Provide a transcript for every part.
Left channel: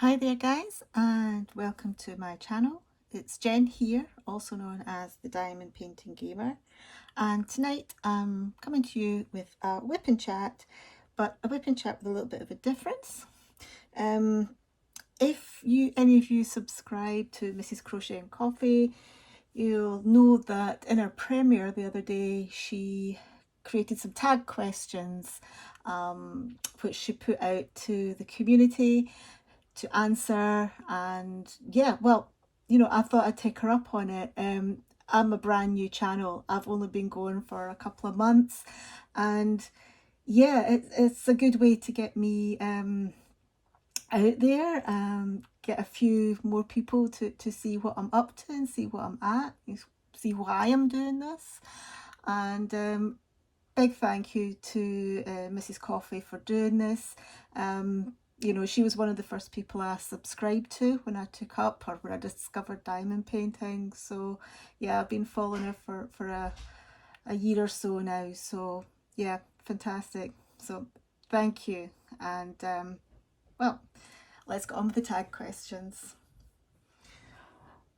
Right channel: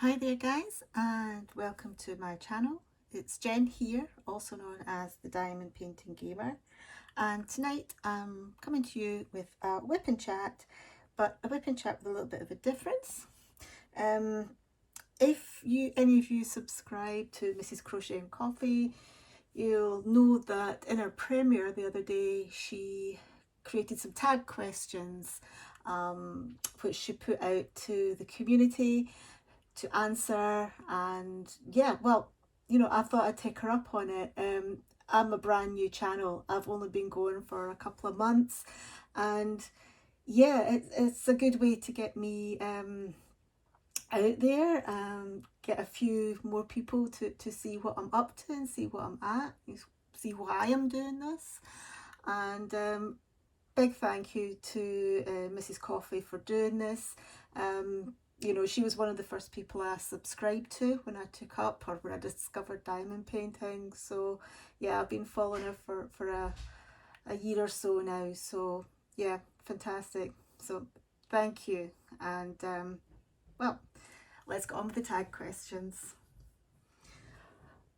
Hi there guys, and welcome to my channel. It's Jen here, also known as the Diamond Painting Gamer, and tonight I'm coming to you with a whip and chat, but a whip and chat with a little bit of a difference. If any of you subscribe to Mrs Crochet and Coffee, you'll know that in her premiere the other day she created some tag questions which she put out to the community to answer. And yeah, well, I thought I'd take her up on it. I'm a brand new channel. I've only been going for a couple of months, and yeah, it's a good way to get me out there, get a few more people to see what I'm up to and see what I'm at, see why I'm doing this. And big thank you to Mrs Coffee for doing this. She was one of the first people I subscribed to when I took up, or when I discovered diamond painting. So yeah, I've been following her for a year or so now. So yeah, fantastic. So thank you. And well, let's get on with the tag questions.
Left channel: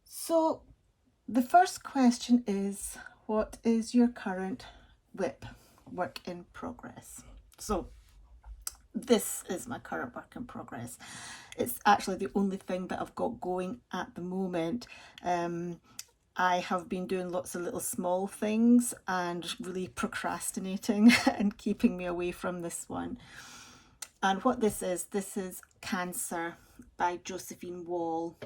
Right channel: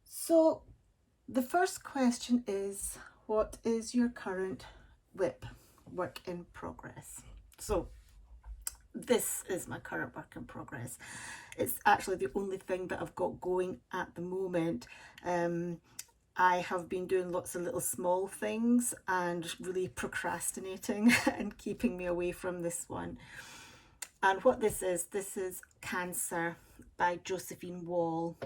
So the first question is, what is your current WIP, work in progress? So this is my current work in progress. It's actually the only thing that I've got going at the moment. I have been doing lots of little small things and really procrastinating and keeping me away from this one. And what this is Cancer by Josephine Wall,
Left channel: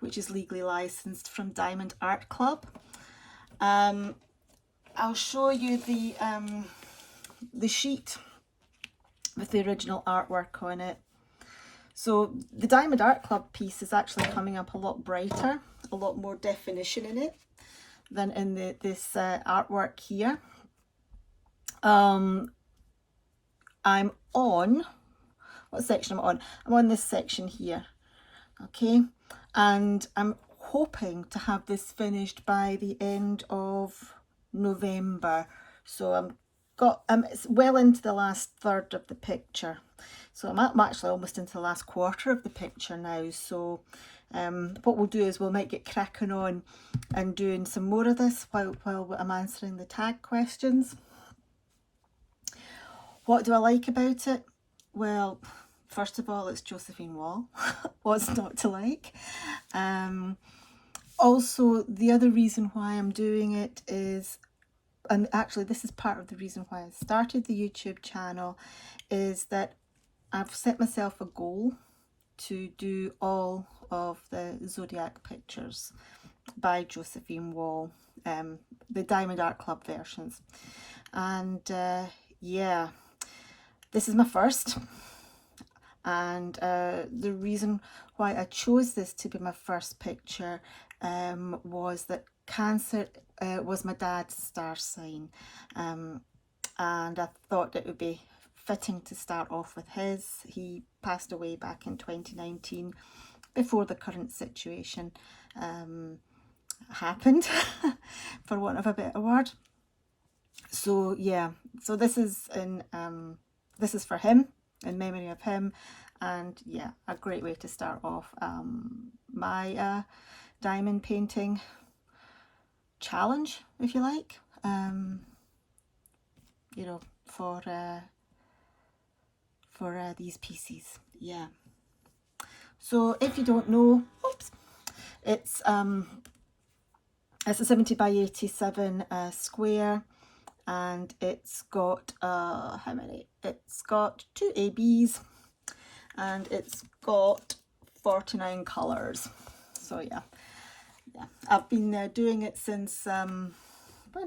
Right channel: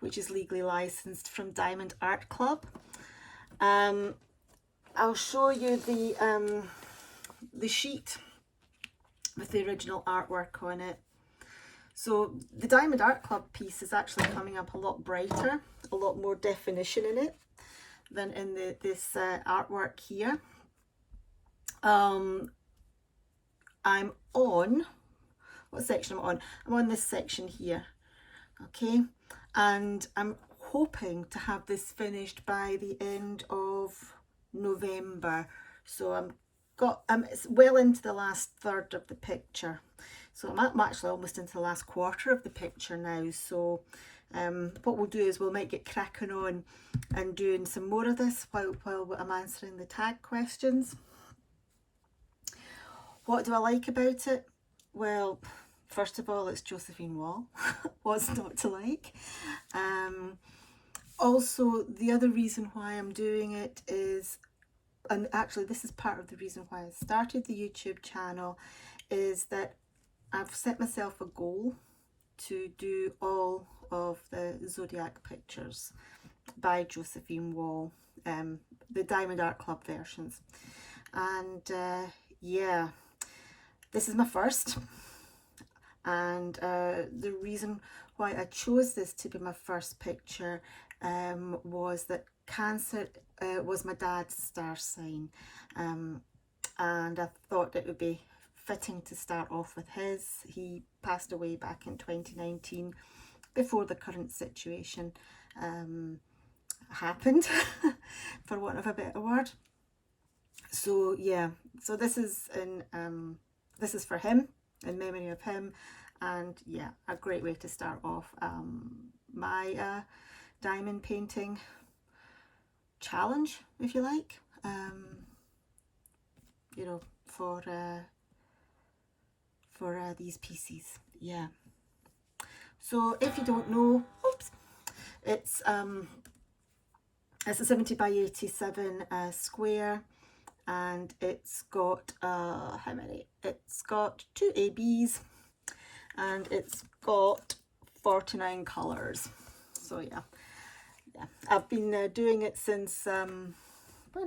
which is legally licensed from Diamond Art Club. I'll show you the sheet with the original artwork on it. So the Diamond Art Club piece is actually coming up a lot brighter, a lot more definition in it than in this artwork here. I'm on, what section am I on? I'm on this section here, okay? And I'm hoping to have this finished by the end of November. So it's well into the last third of the picture. So I'm actually almost into the last quarter of the picture now. So what we'll do is we might get cracking on and doing some more of this while I'm answering the tag questions. What do I like about it? Well, first of all, it's Josephine Wall. What's not to like? Also, the other reason why I'm doing it is, and actually this is part of the reason why I started the YouTube channel, is that I've set myself a goal to do all of the Zodiac pictures by Josephine Wall, the Diamond Art Club versions. And yeah, this is my first. And the reason why I chose this to be my first picture was that Cancer was my dad's star sign, and I thought it would be fitting to start off with his. He passed away back in 2019, before the current situation happened, for want of a better word. So yeah, so this is for him, in memory of him, and yeah, a great way to start off my diamond painting challenge, if you like, for these pieces. Yeah. So if you don't know, oops, it's a 70 by 87 square, and it's got how many? It's got 2 ABs, and it's got 49 colours. So yeah, I've been doing it since when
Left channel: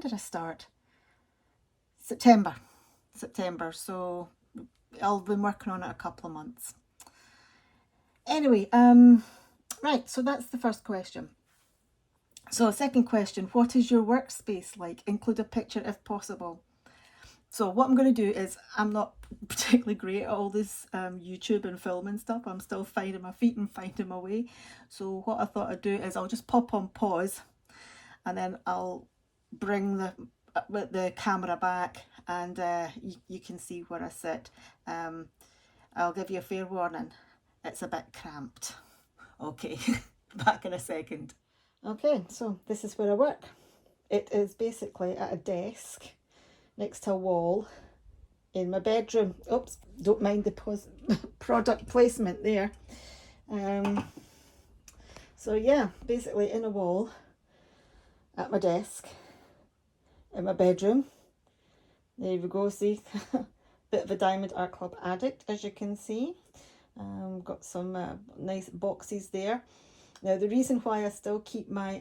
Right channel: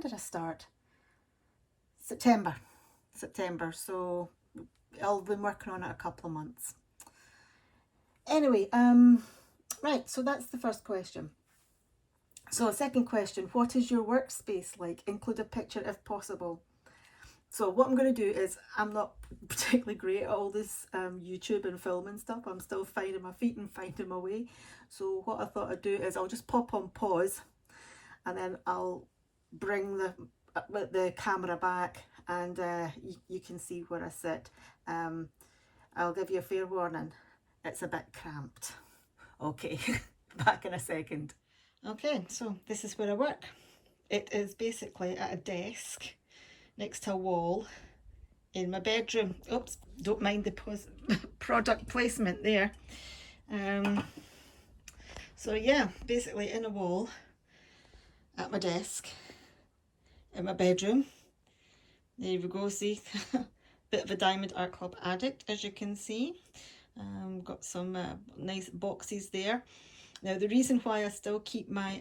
did I start? September. So I've been working on it a couple of months. Anyway, right, so that's the first question. So second question, what is your workspace like? Include a picture if possible. So what I'm going to do is, I'm not particularly great at all this YouTube and filming stuff. I'm still finding my feet and finding my way. So what I thought I'd do is I'll just pop on pause, and then I'll bring the camera back, and you can see where I sit. I'll give you a fair warning. it's a bit cramped. Okay, back in a second. Okay, so this is where I work. It is basically at a desk next to a wall in my bedroom. Oops, don't mind the product placement there. So yeah, basically in a wall at my desk in my bedroom. There we go, see, bit of a Diamond Art Club addict, as you can see. Got some nice boxes there. Now the reason why I still keep my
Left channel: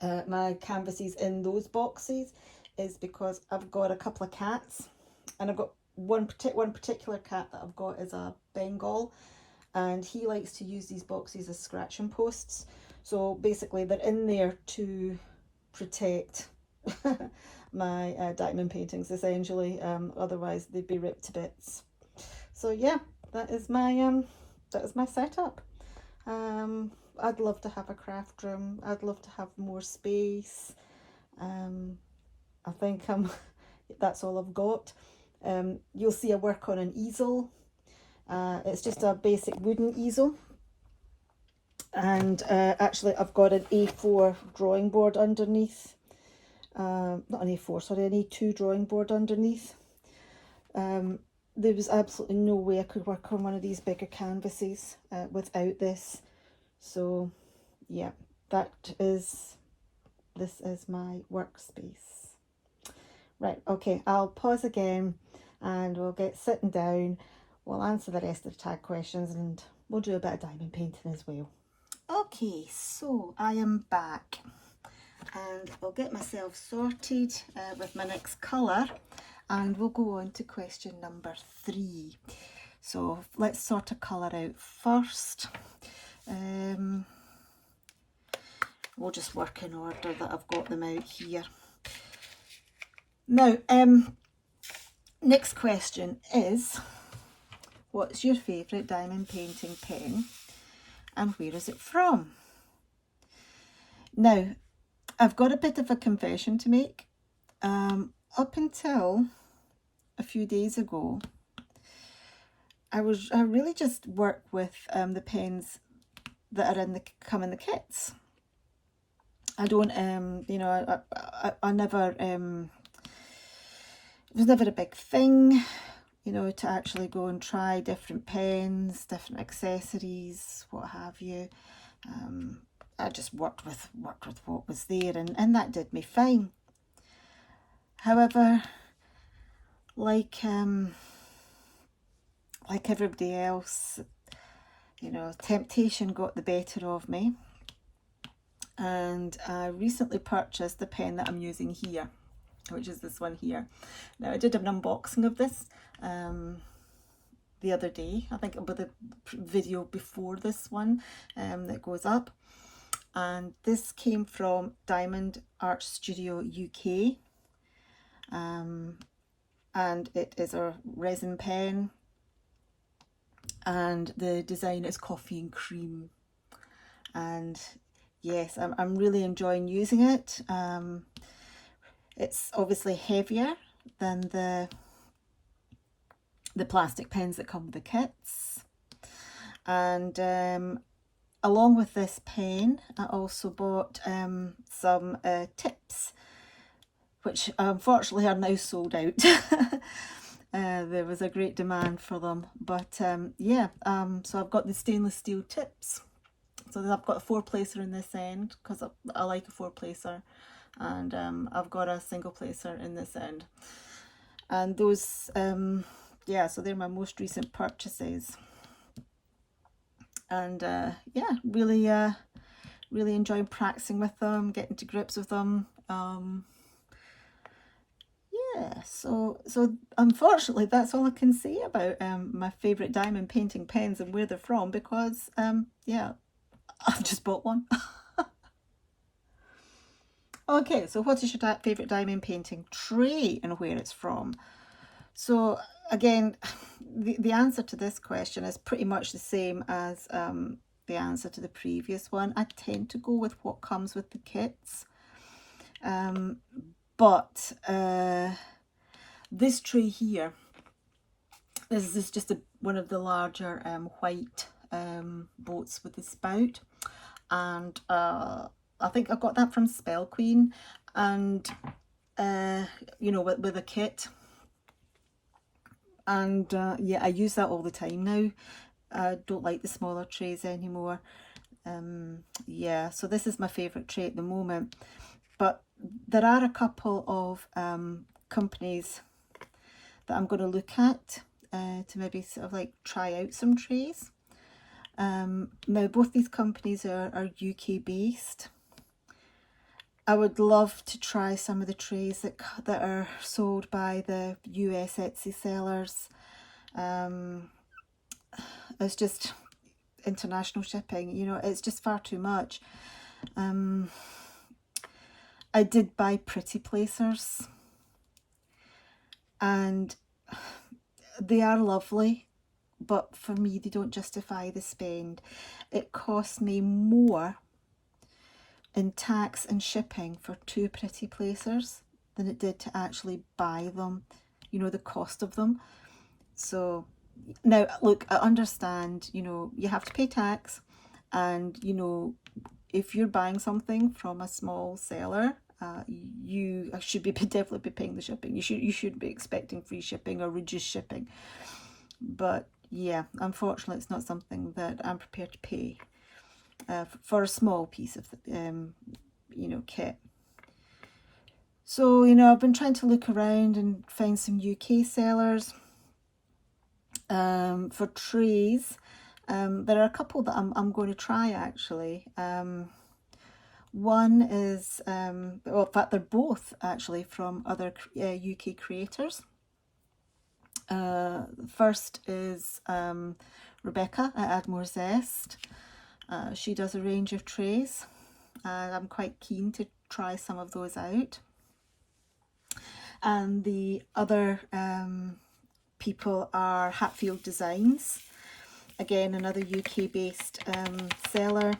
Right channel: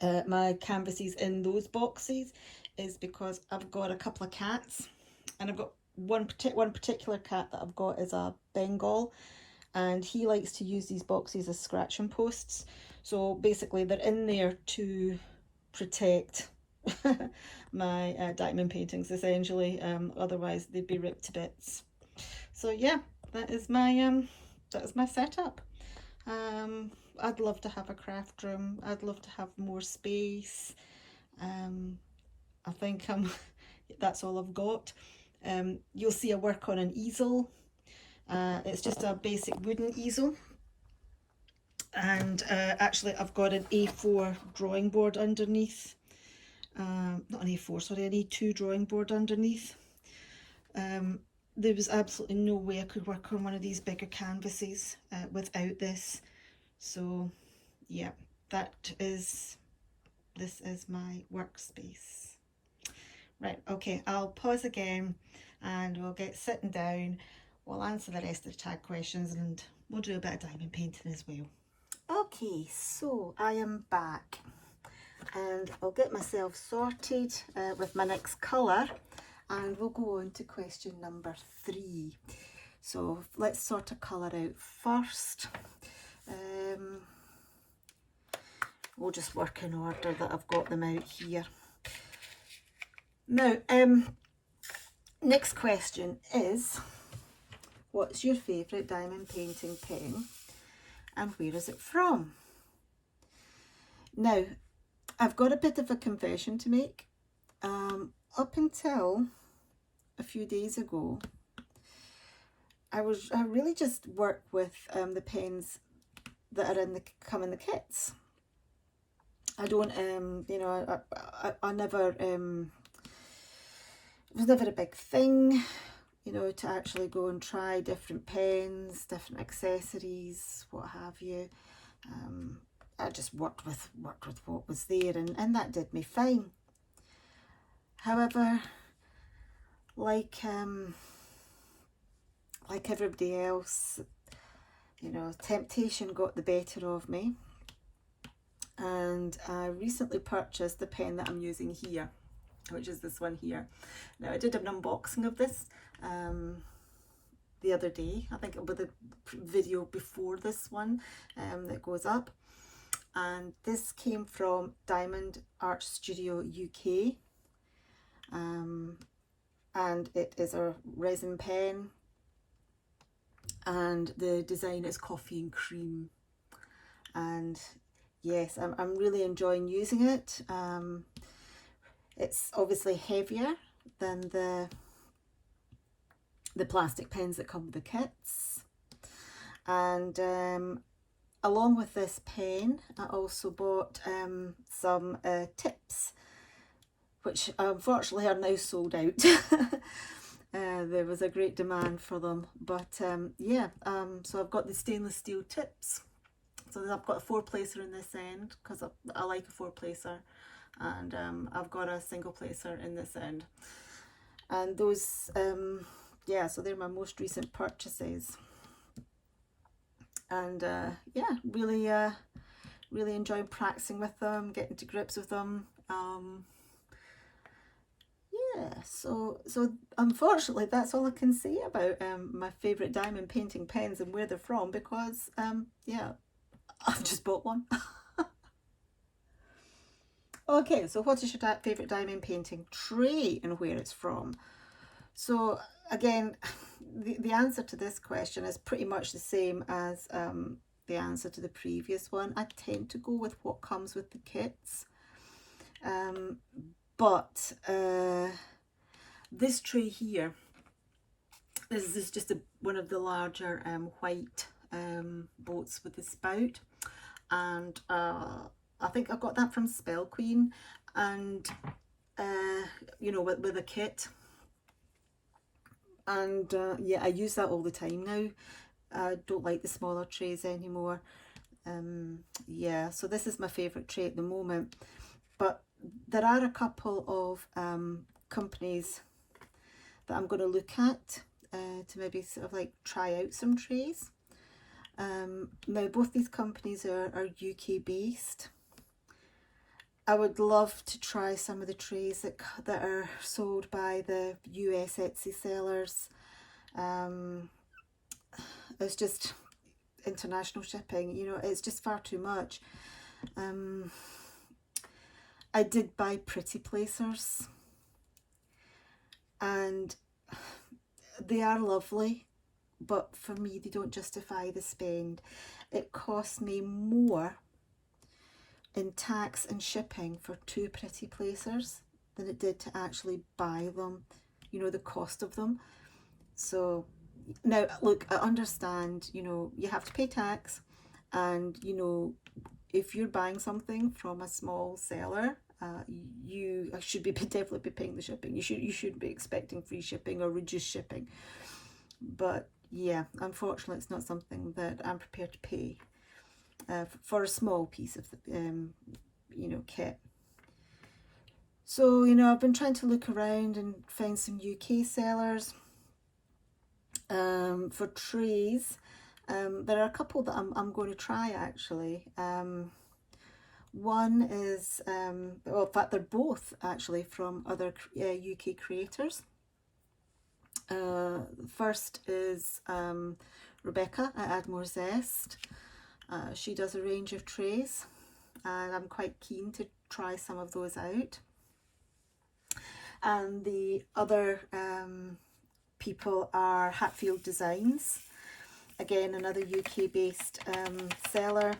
my canvases in those boxes is because I've got a couple of cats, and I've got one particular cat that I've got is a Bengal, and he likes to use these boxes as scratching posts. So basically they're in there to protect my diamond paintings essentially, otherwise they'd be ripped to bits. So yeah, that is my setup. I'd love to have a craft room. I'd love to have more space. I think that's all I've got. You'll see I work on an easel. It's just a basic wooden easel, and actually I've got an A4 drawing board underneath. Not an A4, sorry, an A2 drawing board underneath. There was absolutely no way I could work on one of these bigger canvases without this. So yeah, this is my workspace. Right, okay, I'll pause again and we'll get sitting down. We'll answer the rest of the tag questions and we'll do a bit of diamond painting as well. Okay, so I am back and I'll get myself sorted with my next colour, and we'll go on to question number 3. So let's sort a colour out first. We'll just work in order that I've got them out here. Now, next question is, what's your favourite diamond painting pen and where is it from? Now, I've got a bit of a confession to make. Up until a few days ago, I really just work with the pens that are come in the kits. I don't, you know, I never, it was never a big thing, you know, to actually go and try different pens, different accessories, what have you. I just worked with what was there, and that did me fine. However, like everybody else, you know, temptation got the better of me, and I recently purchased the pen that I'm using here, which is this one here. Now, I did an unboxing of this the other day, I think with the video before this one that goes up, and this came from Diamond Art Studio UK, and it is a resin pen, and the design is coffee and cream, and yes, I'm really enjoying using it. It's obviously heavier than the plastic pens that come with the kits, and along with this pen I also bought some tips, which unfortunately are now sold out. There was a great demand for them, but yeah, so I've got the stainless steel tips. So I've got a 4-placer in this end because I like a 4-placer, and I've got a single placer in this end, and those yeah, so they're my most recent purchases, and yeah, really enjoying practicing with them, getting to grips with them. Yeah, so unfortunately that's all I can say about my favourite diamond painting pens and where they're from, because yeah, I've just bought one. Okay, so what is your favourite diamond painting tray and where it's from? So again, the answer to this question is pretty much the same as the answer to the previous one. I tend to go with what comes with the kits. But this tray here, this is just a one of the larger white boats with the spout, and I think I got that from Spell Queen, and you know, with a kit, and yeah, I use that all the time now. I don't like the smaller trays anymore. Yeah, so this is my favourite tray at the moment, but there are a couple of companies that I'm going to look at to maybe sort of like try out some trays. Now both these companies are UK based. I would love to try some of the trays that are sold by the US Etsy sellers. It's just international shipping, you know, it's just far too much. I did buy Putty placers, and they are lovely, but for me they don't justify the spend. It cost me more in tax and shipping for 2 Putty placers than it did to actually buy them, you know, the cost of them. So now look, I understand, you know, you have to pay tax, and you know, if you're buying something from a small seller, you should be definitely be paying the shipping. You should be expecting free shipping or reduced shipping. But yeah, unfortunately, it's not something that I'm prepared to pay for a small piece of you know, kit. So you know, I've been trying to look around and find some UK sellers for trays. There are a couple that I'm going to try actually. One is, well, in fact, they're both actually from other UK creators. First is Rebecca at Add More Zest. She does a range of trays, and I'm quite keen to try some of those out. And the other people are Hatfield Designs, again another UK based seller,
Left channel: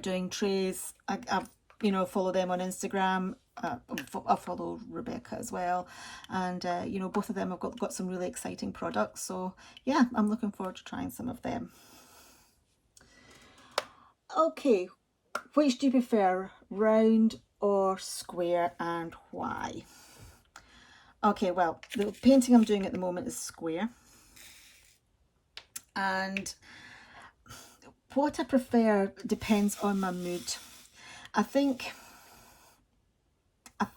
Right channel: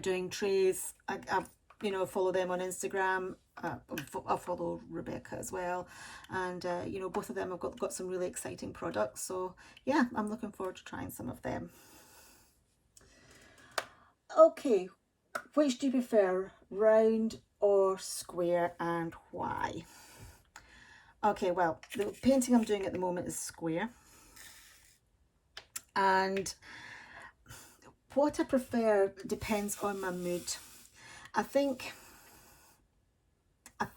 doing trays. I you know, follow them on Instagram. I follow Rebecca as well, and you know, both of them have got some really exciting products, so yeah, I'm looking forward to trying some of them. Okay, which do you prefer, round or square, and why? Okay, well, the painting I'm doing at the moment is square, and what I prefer depends on my mood. I think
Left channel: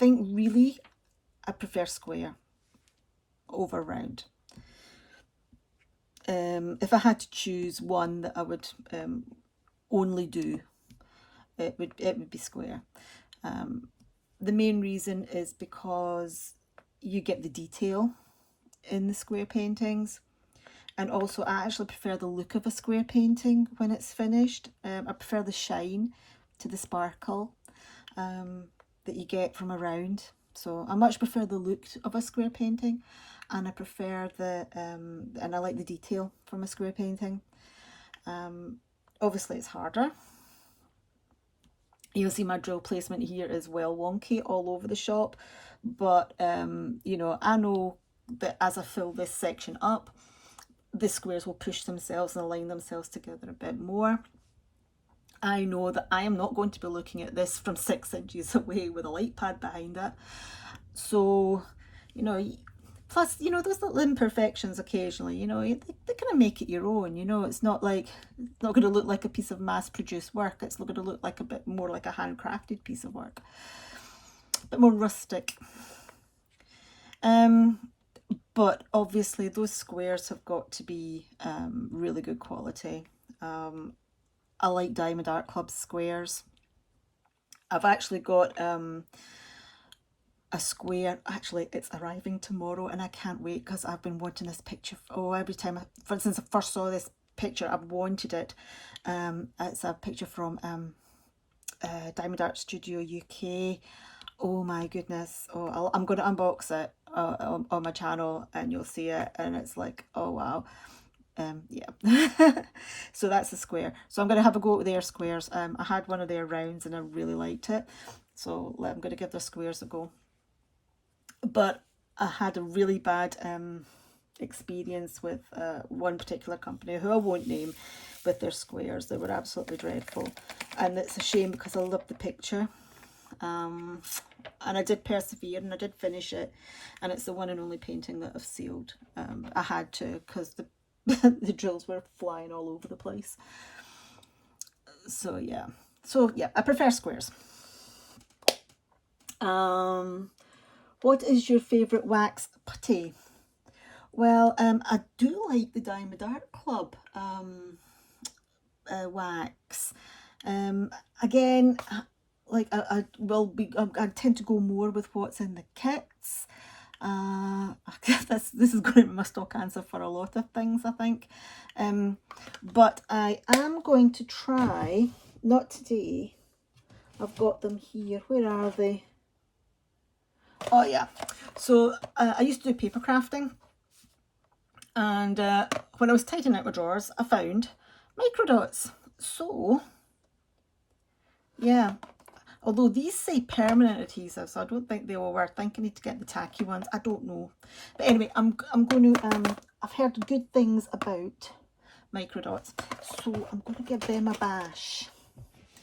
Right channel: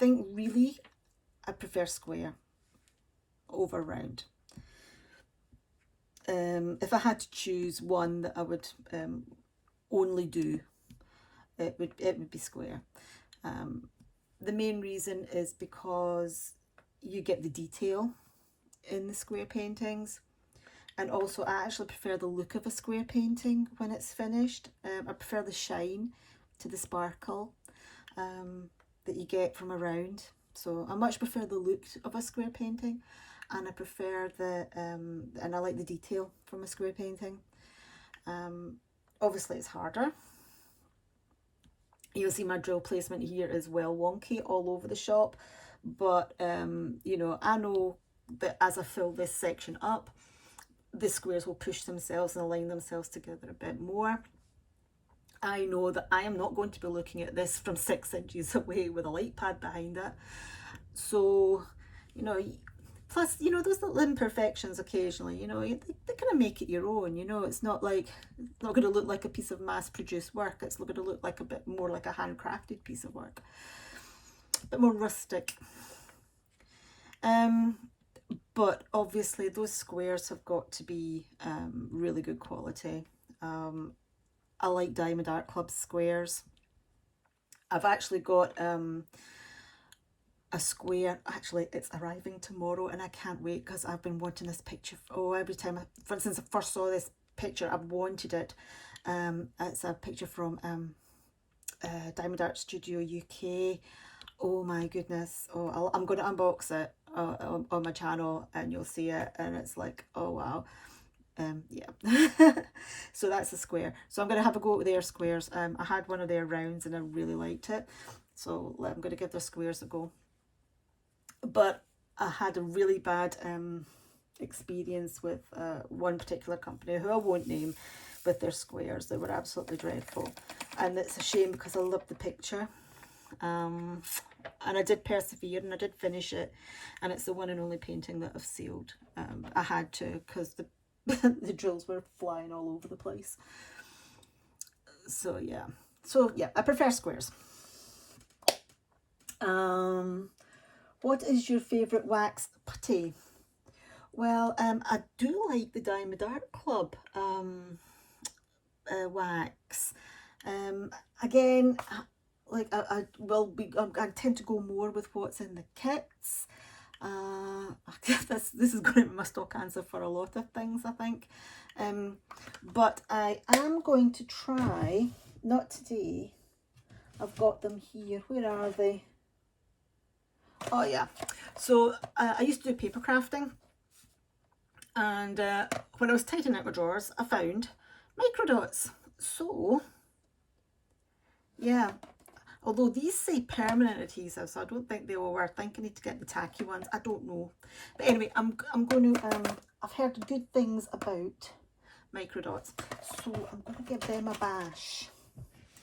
really I prefer square over round. If I had to choose one that I would only do, it would be square. The main reason is because you get the detail in the square paintings, and also I actually prefer the look of a square painting when it's finished. I prefer the shine to the sparkle that you get from a round. So I much prefer the look of a square painting, and I prefer the and I like the detail from a square painting. Obviously it's harder. You'll see my drill placement here is well wonky all over the shop, but you know, I know that as I fill this section up, the squares will push themselves and align themselves together a bit more. I know that I am not going to be looking at this from 6 inches away with a light pad behind it. So, you know, plus, you know, those little imperfections occasionally, you know, they kind of make it your own, you know. It's not like, it's not going to look like a piece of mass-produced work. It's going to look like a bit more like a handcrafted piece of work. A bit more rustic. But obviously those squares have got to be really good quality. I like Diamond Art Club squares. I've actually got a square, actually it's arriving tomorrow, and I can't wait because I've been wanting this picture. Oh, every time, since I first saw this picture, I've wanted it. It's a picture from Diamond Art Studio UK. Oh my goodness. Oh, I'm going to unbox it on my channel, and you'll see it, and it's like, oh wow. Yeah. So that's a square. So I'm going to have a go at their squares. I had one of their rounds and I really liked it, so I'm going to give their squares a go. But I had a really bad experience with one particular company who I won't name, with their squares. They were absolutely dreadful, and it's a shame because I love the picture. And I did persevere and I did finish it, and it's the one and only painting that I've sealed. I had to, because the the drills were flying all over the place. So yeah, I prefer squares. What is your favourite wax putty? Well, I do like the Diamond Art Club wax. Again, like I tend to go more with what's in the kits. This is going to be my stock answer for a lot of things, I think. But I am going to try, not today, I've got them here. Where are they? Oh yeah. So I used to do paper crafting, and when I was tightening out my drawers, I found microdots. So yeah, although these say permanent adhesive, so I don't think they will work. I think I need to get the tacky ones. I don't know. But anyway, I'm going to, I've heard good things about microdots, so I'm going to give them a bash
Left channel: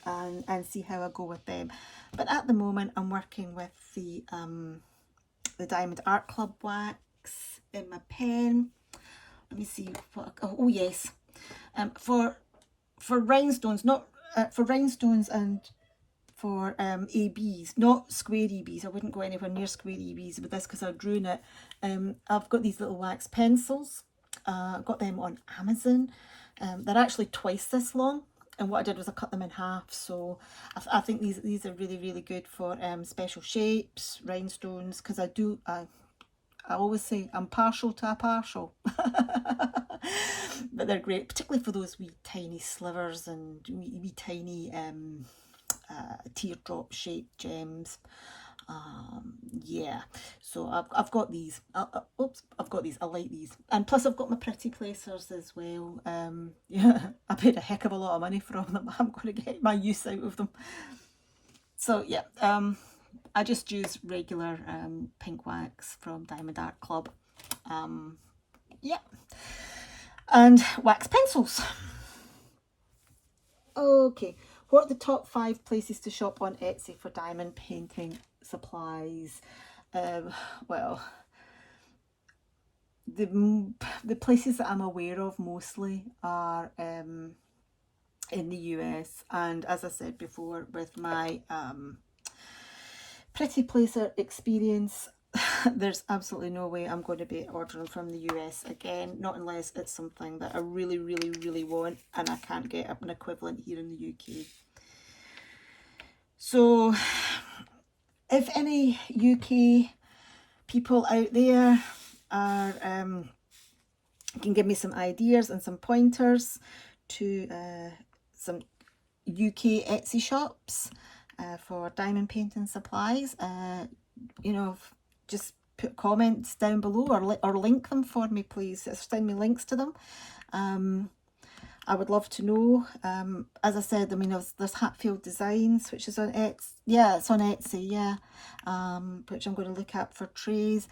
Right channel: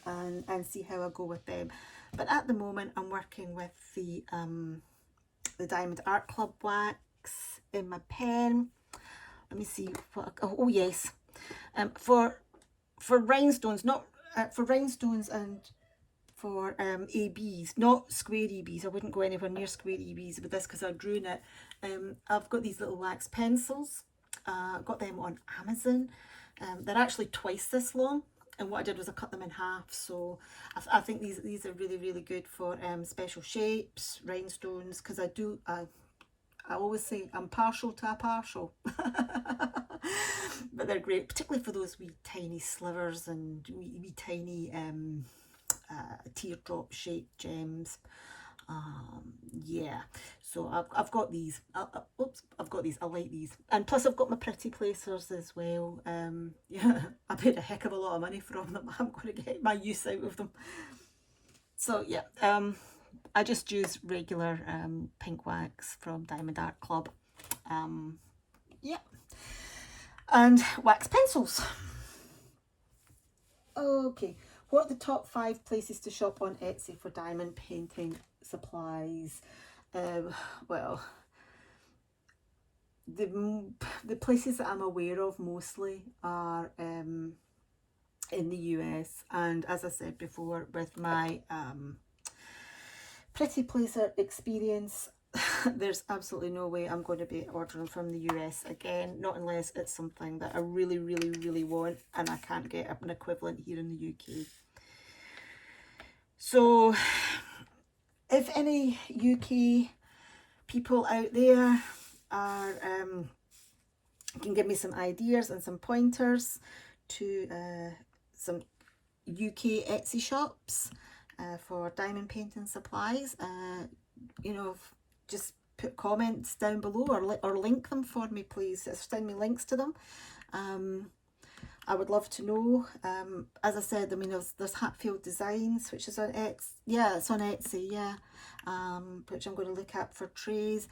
and see how I go with them. But at the moment, I'm working with the Diamond Art Club wax in my pen. Let me see what. Oh yes, for rhinestones, not for rhinestones and for ABs, not square EBs. I wouldn't go anywhere near square EBs with this because I'd ruin it. I've got these little wax pencils. Got them on Amazon. They're actually twice this long, and what I did was I cut them in half. So I think these are really, really good for special shapes, rhinestones, because I always say I'm partial to a partial. But they're great, particularly for those wee tiny slivers and wee tiny teardrop shaped gems. Yeah, so I've got these. Oops, I've got these. I like these, and plus I've got my pretty placers as well. Yeah, I paid a heck of a lot of money for them. I'm going to get my use out of them. So yeah, I just use regular pink wax from Diamond Art Club. Yeah, and wax pencils. Okay, what are the top 5 places to shop on Etsy for diamond painting supplies? Well, the places that I'm aware of mostly are in the US, and as I said before, with my pretty placer experience, there's absolutely no way I'm going to be ordering from the US again, not unless it's something that I really, really, really want and I can't get an equivalent here in the UK. So if any UK people out there are can give me some ideas and some pointers to some UK Etsy shops for diamond painting supplies, you know, just put comments down below or link them for me, please. Send me links to them. I would love to know. As I said, I mean, there's Hatfield Designs, which is on Etsy. Yeah, it's on Etsy, yeah, which I'm going to look at for trays.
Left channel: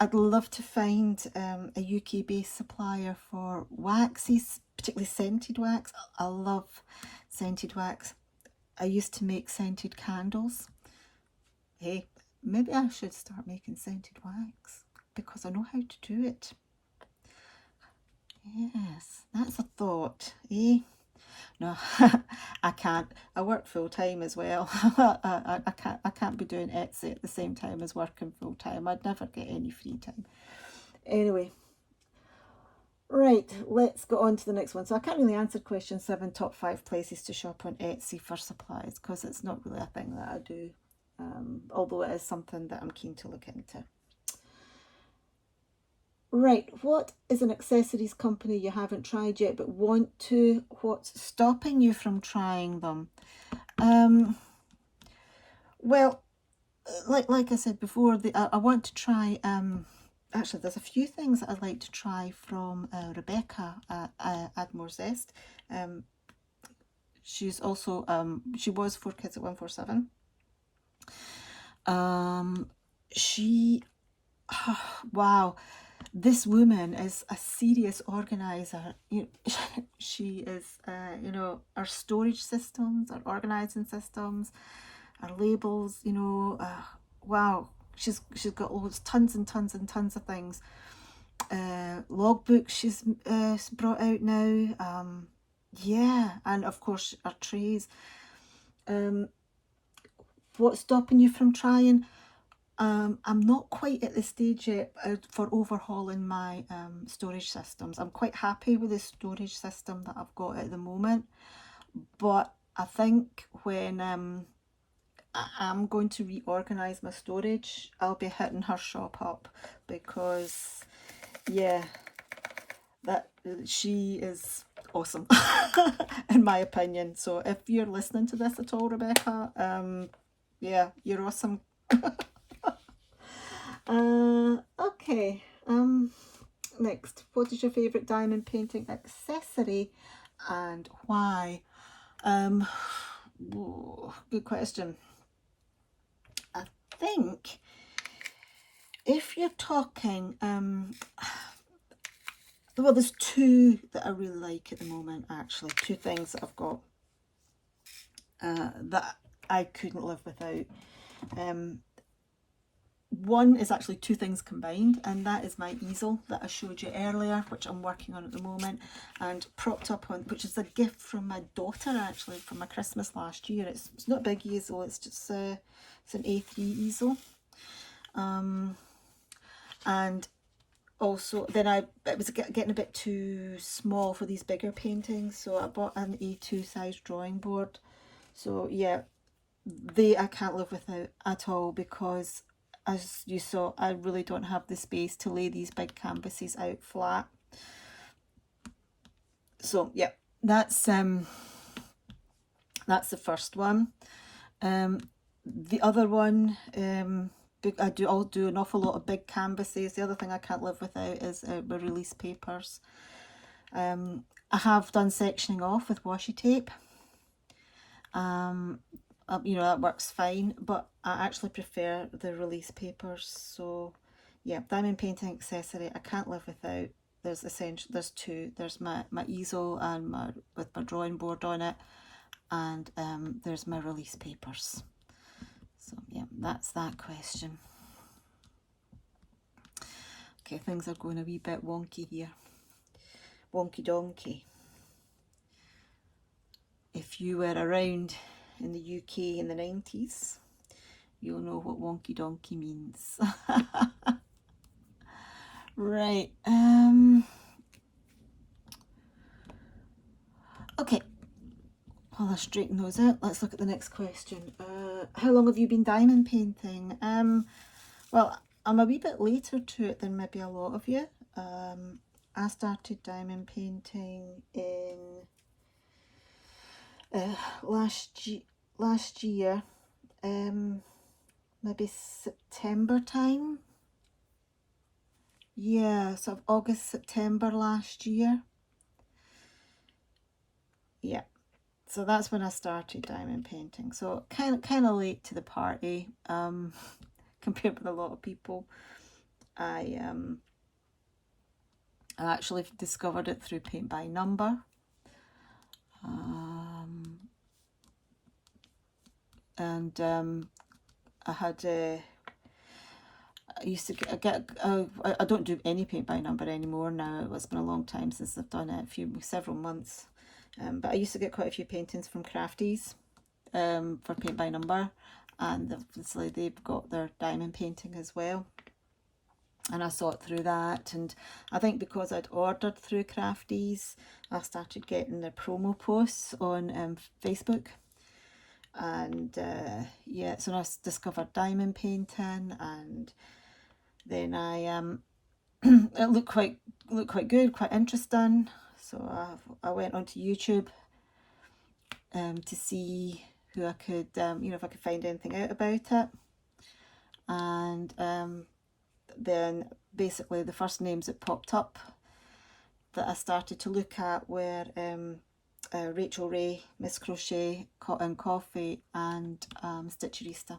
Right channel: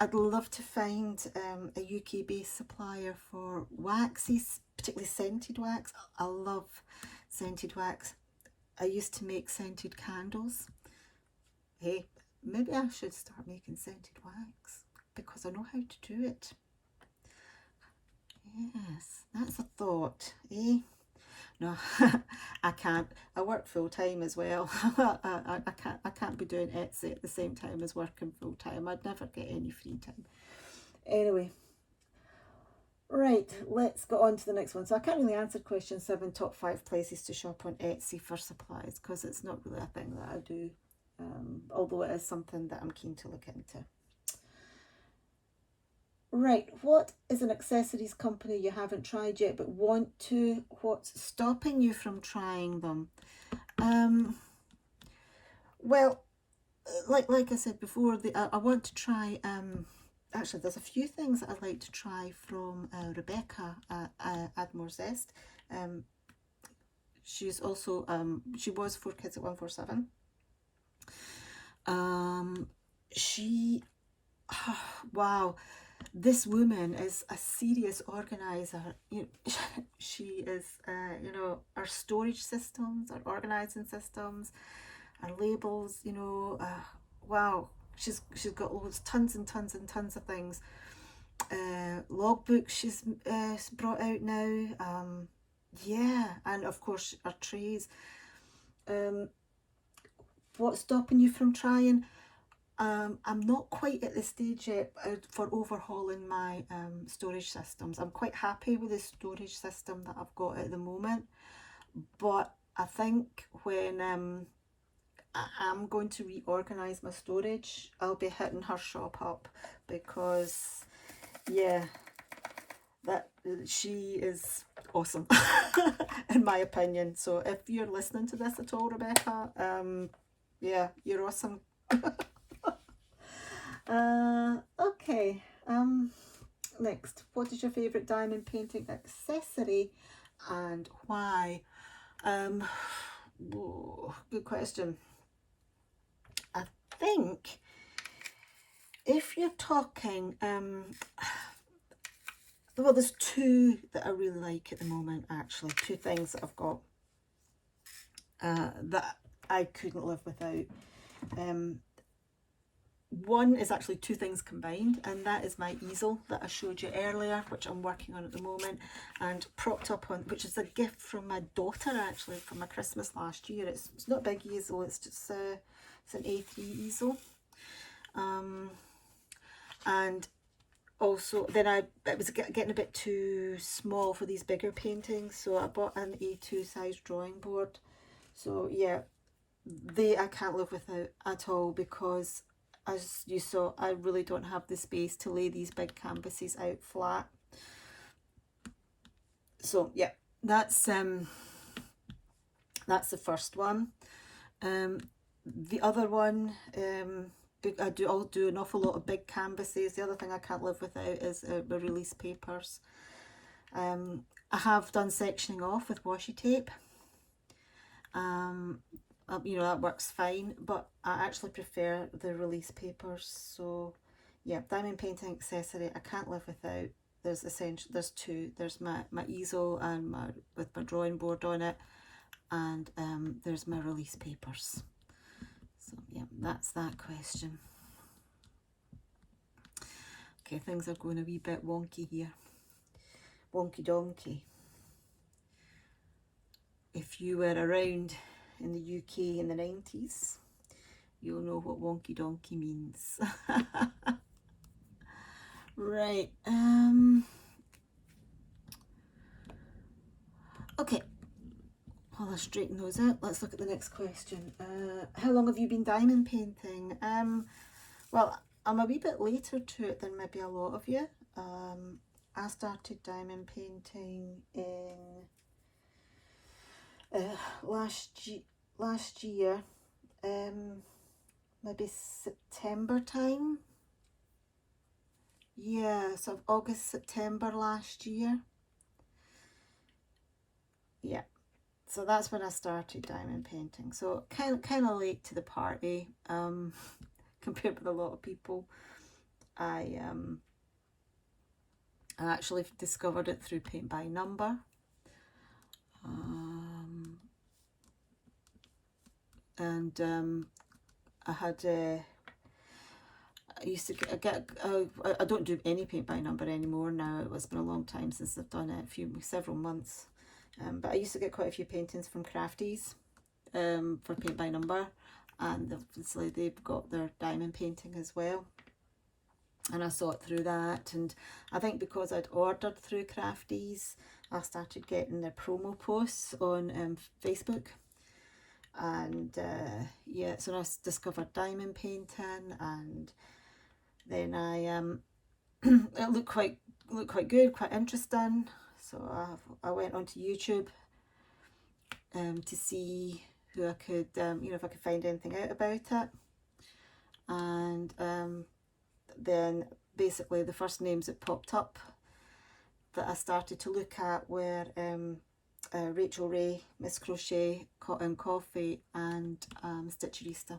I'd love to find a UK-based supplier for waxes, particularly scented wax. I love scented wax. I used to make scented candles. Hey, maybe I should start making scented wax because I know how to do it. Yes, that's a thought, eh? No, I can't. I work full time as well. I can't be doing Etsy at the same time as working full time. I'd never get any free time. Anyway, right, let's go on to the next one. So I can't really answer question 7, top 5 places to shop on Etsy for supplies, because it's not really a thing that I do, although it is something that I'm keen to look into. Right, what is an accessories company you haven't tried yet but want to? What's stopping you from trying them? Well, like I said before, I want to try, actually there's a few things that I'd like to try from Rebecca at Admore Zest. She's also, she was 4Kids at 147. She, wow, this woman is a serious organizer. She is, our storage systems, our organizing systems, our labels, wow. She's got tons and tons and tons of things. Logbooks she's brought out now. Yeah, and of course our trays. What's stopping you from trying? I'm not quite at the stage yet for overhauling my storage systems. I'm quite happy with the storage system that I've got at the moment, but I think when I'm going to reorganise my storage, I'll be hitting her shop up, because yeah, that she is awesome in my opinion. So if you're listening to this at all, Rebecca, yeah, you're awesome. Okay, next, what is your favourite diamond painting accessory and why? Good question. I think if you're talking, well, there's two that I really like at the moment, actually. Two things that I've got that I couldn't live without. One is actually two things combined, and that is my easel that I showed you earlier, which I'm working on at the moment, and propped up on, which is a gift from my daughter, actually, for my Christmas last year. It's not a big easel, it's just it's an A3 easel. And also then it was getting a bit too small for these bigger paintings, so I bought an A2 size drawing board. So yeah, I can't live without at all, because as you saw, I really don't have the space to lay these big canvases out flat. So yeah, that's the first one. The other one, I'll do an awful lot of big canvases. The other thing I can't live without is my release papers. I have done sectioning off with washi tape. That works fine, but I actually prefer the release papers. So yeah, diamond painting accessory I can't live without. There's two. There's my easel and with my drawing board on it, and there's my release papers. So yeah, that's that question. Okay, things are going a wee bit wonky here. Wonky donkey. If you were around in the UK in the 90s, you'll know what wonky donkey means. Right. Okay. While I straighten those out, let's look at the next question. How long have you been diamond painting? Well, I'm a wee bit later to it than maybe a lot of you. I started diamond painting in last year, maybe September time. Yeah, sort of August, September last year. Yeah, so that's when I started diamond painting. So kind of late to the party, compared with a lot of people. I actually discovered it through paint by number. I had I used to get I don't do any paint by number anymore now. It's been a long time since I've done it, several months. But I used to get quite a few paintings from Crafties for paint by number, and obviously they've got their diamond painting as well. And I saw it through that, and I think because I'd ordered through Crafties, I started getting their promo posts on Facebook. And yeah, so I discovered diamond painting, and then I it looked quite good, quite interesting. So I went onto YouTube to see who I could, if I could find anything out about it. And then basically the first names that popped up that I started to look at were Rachel Ray, Mrs Crochet and Coffee, and Stitcherista.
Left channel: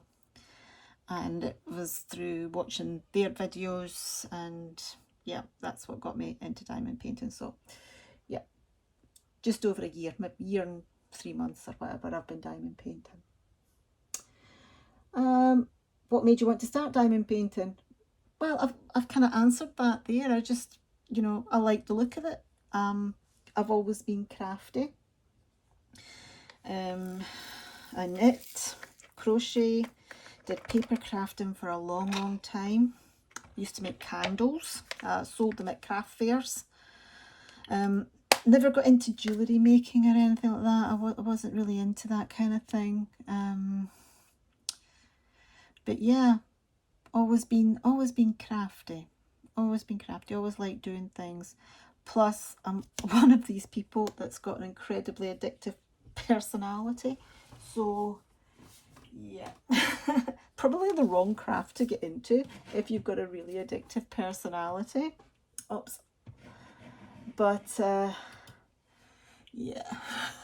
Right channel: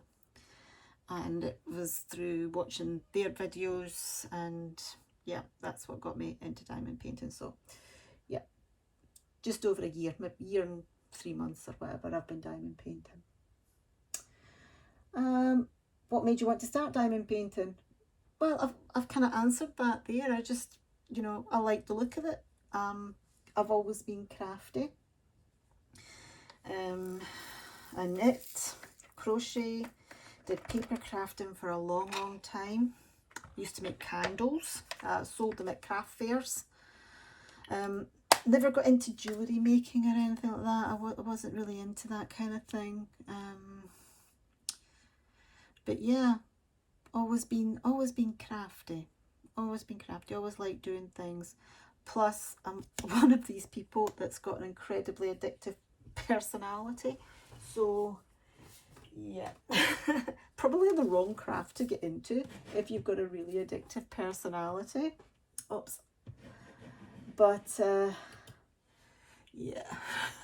And it was through watching their videos and yeah, that's what got me into diamond painting. So yeah, just over a year, maybe a year and 3 months or whatever, I've been diamond painting. What made you want to start diamond painting? Well, I've kind of answered that there. I just, you know, I like the look of it. I've always been crafty. I knit, crochet, did paper crafting for a long time. Used to make candles, sold them at craft fairs. Never got into jewellery making or anything like that. I wasn't really into that kind of thing. But yeah, always been crafty. Always been crafty. Always liked doing things. Plus, I'm one of these people that's got an incredibly addictive personality. So yeah, probably the wrong craft to get into if you've got a really addictive personality. Oops. But yeah,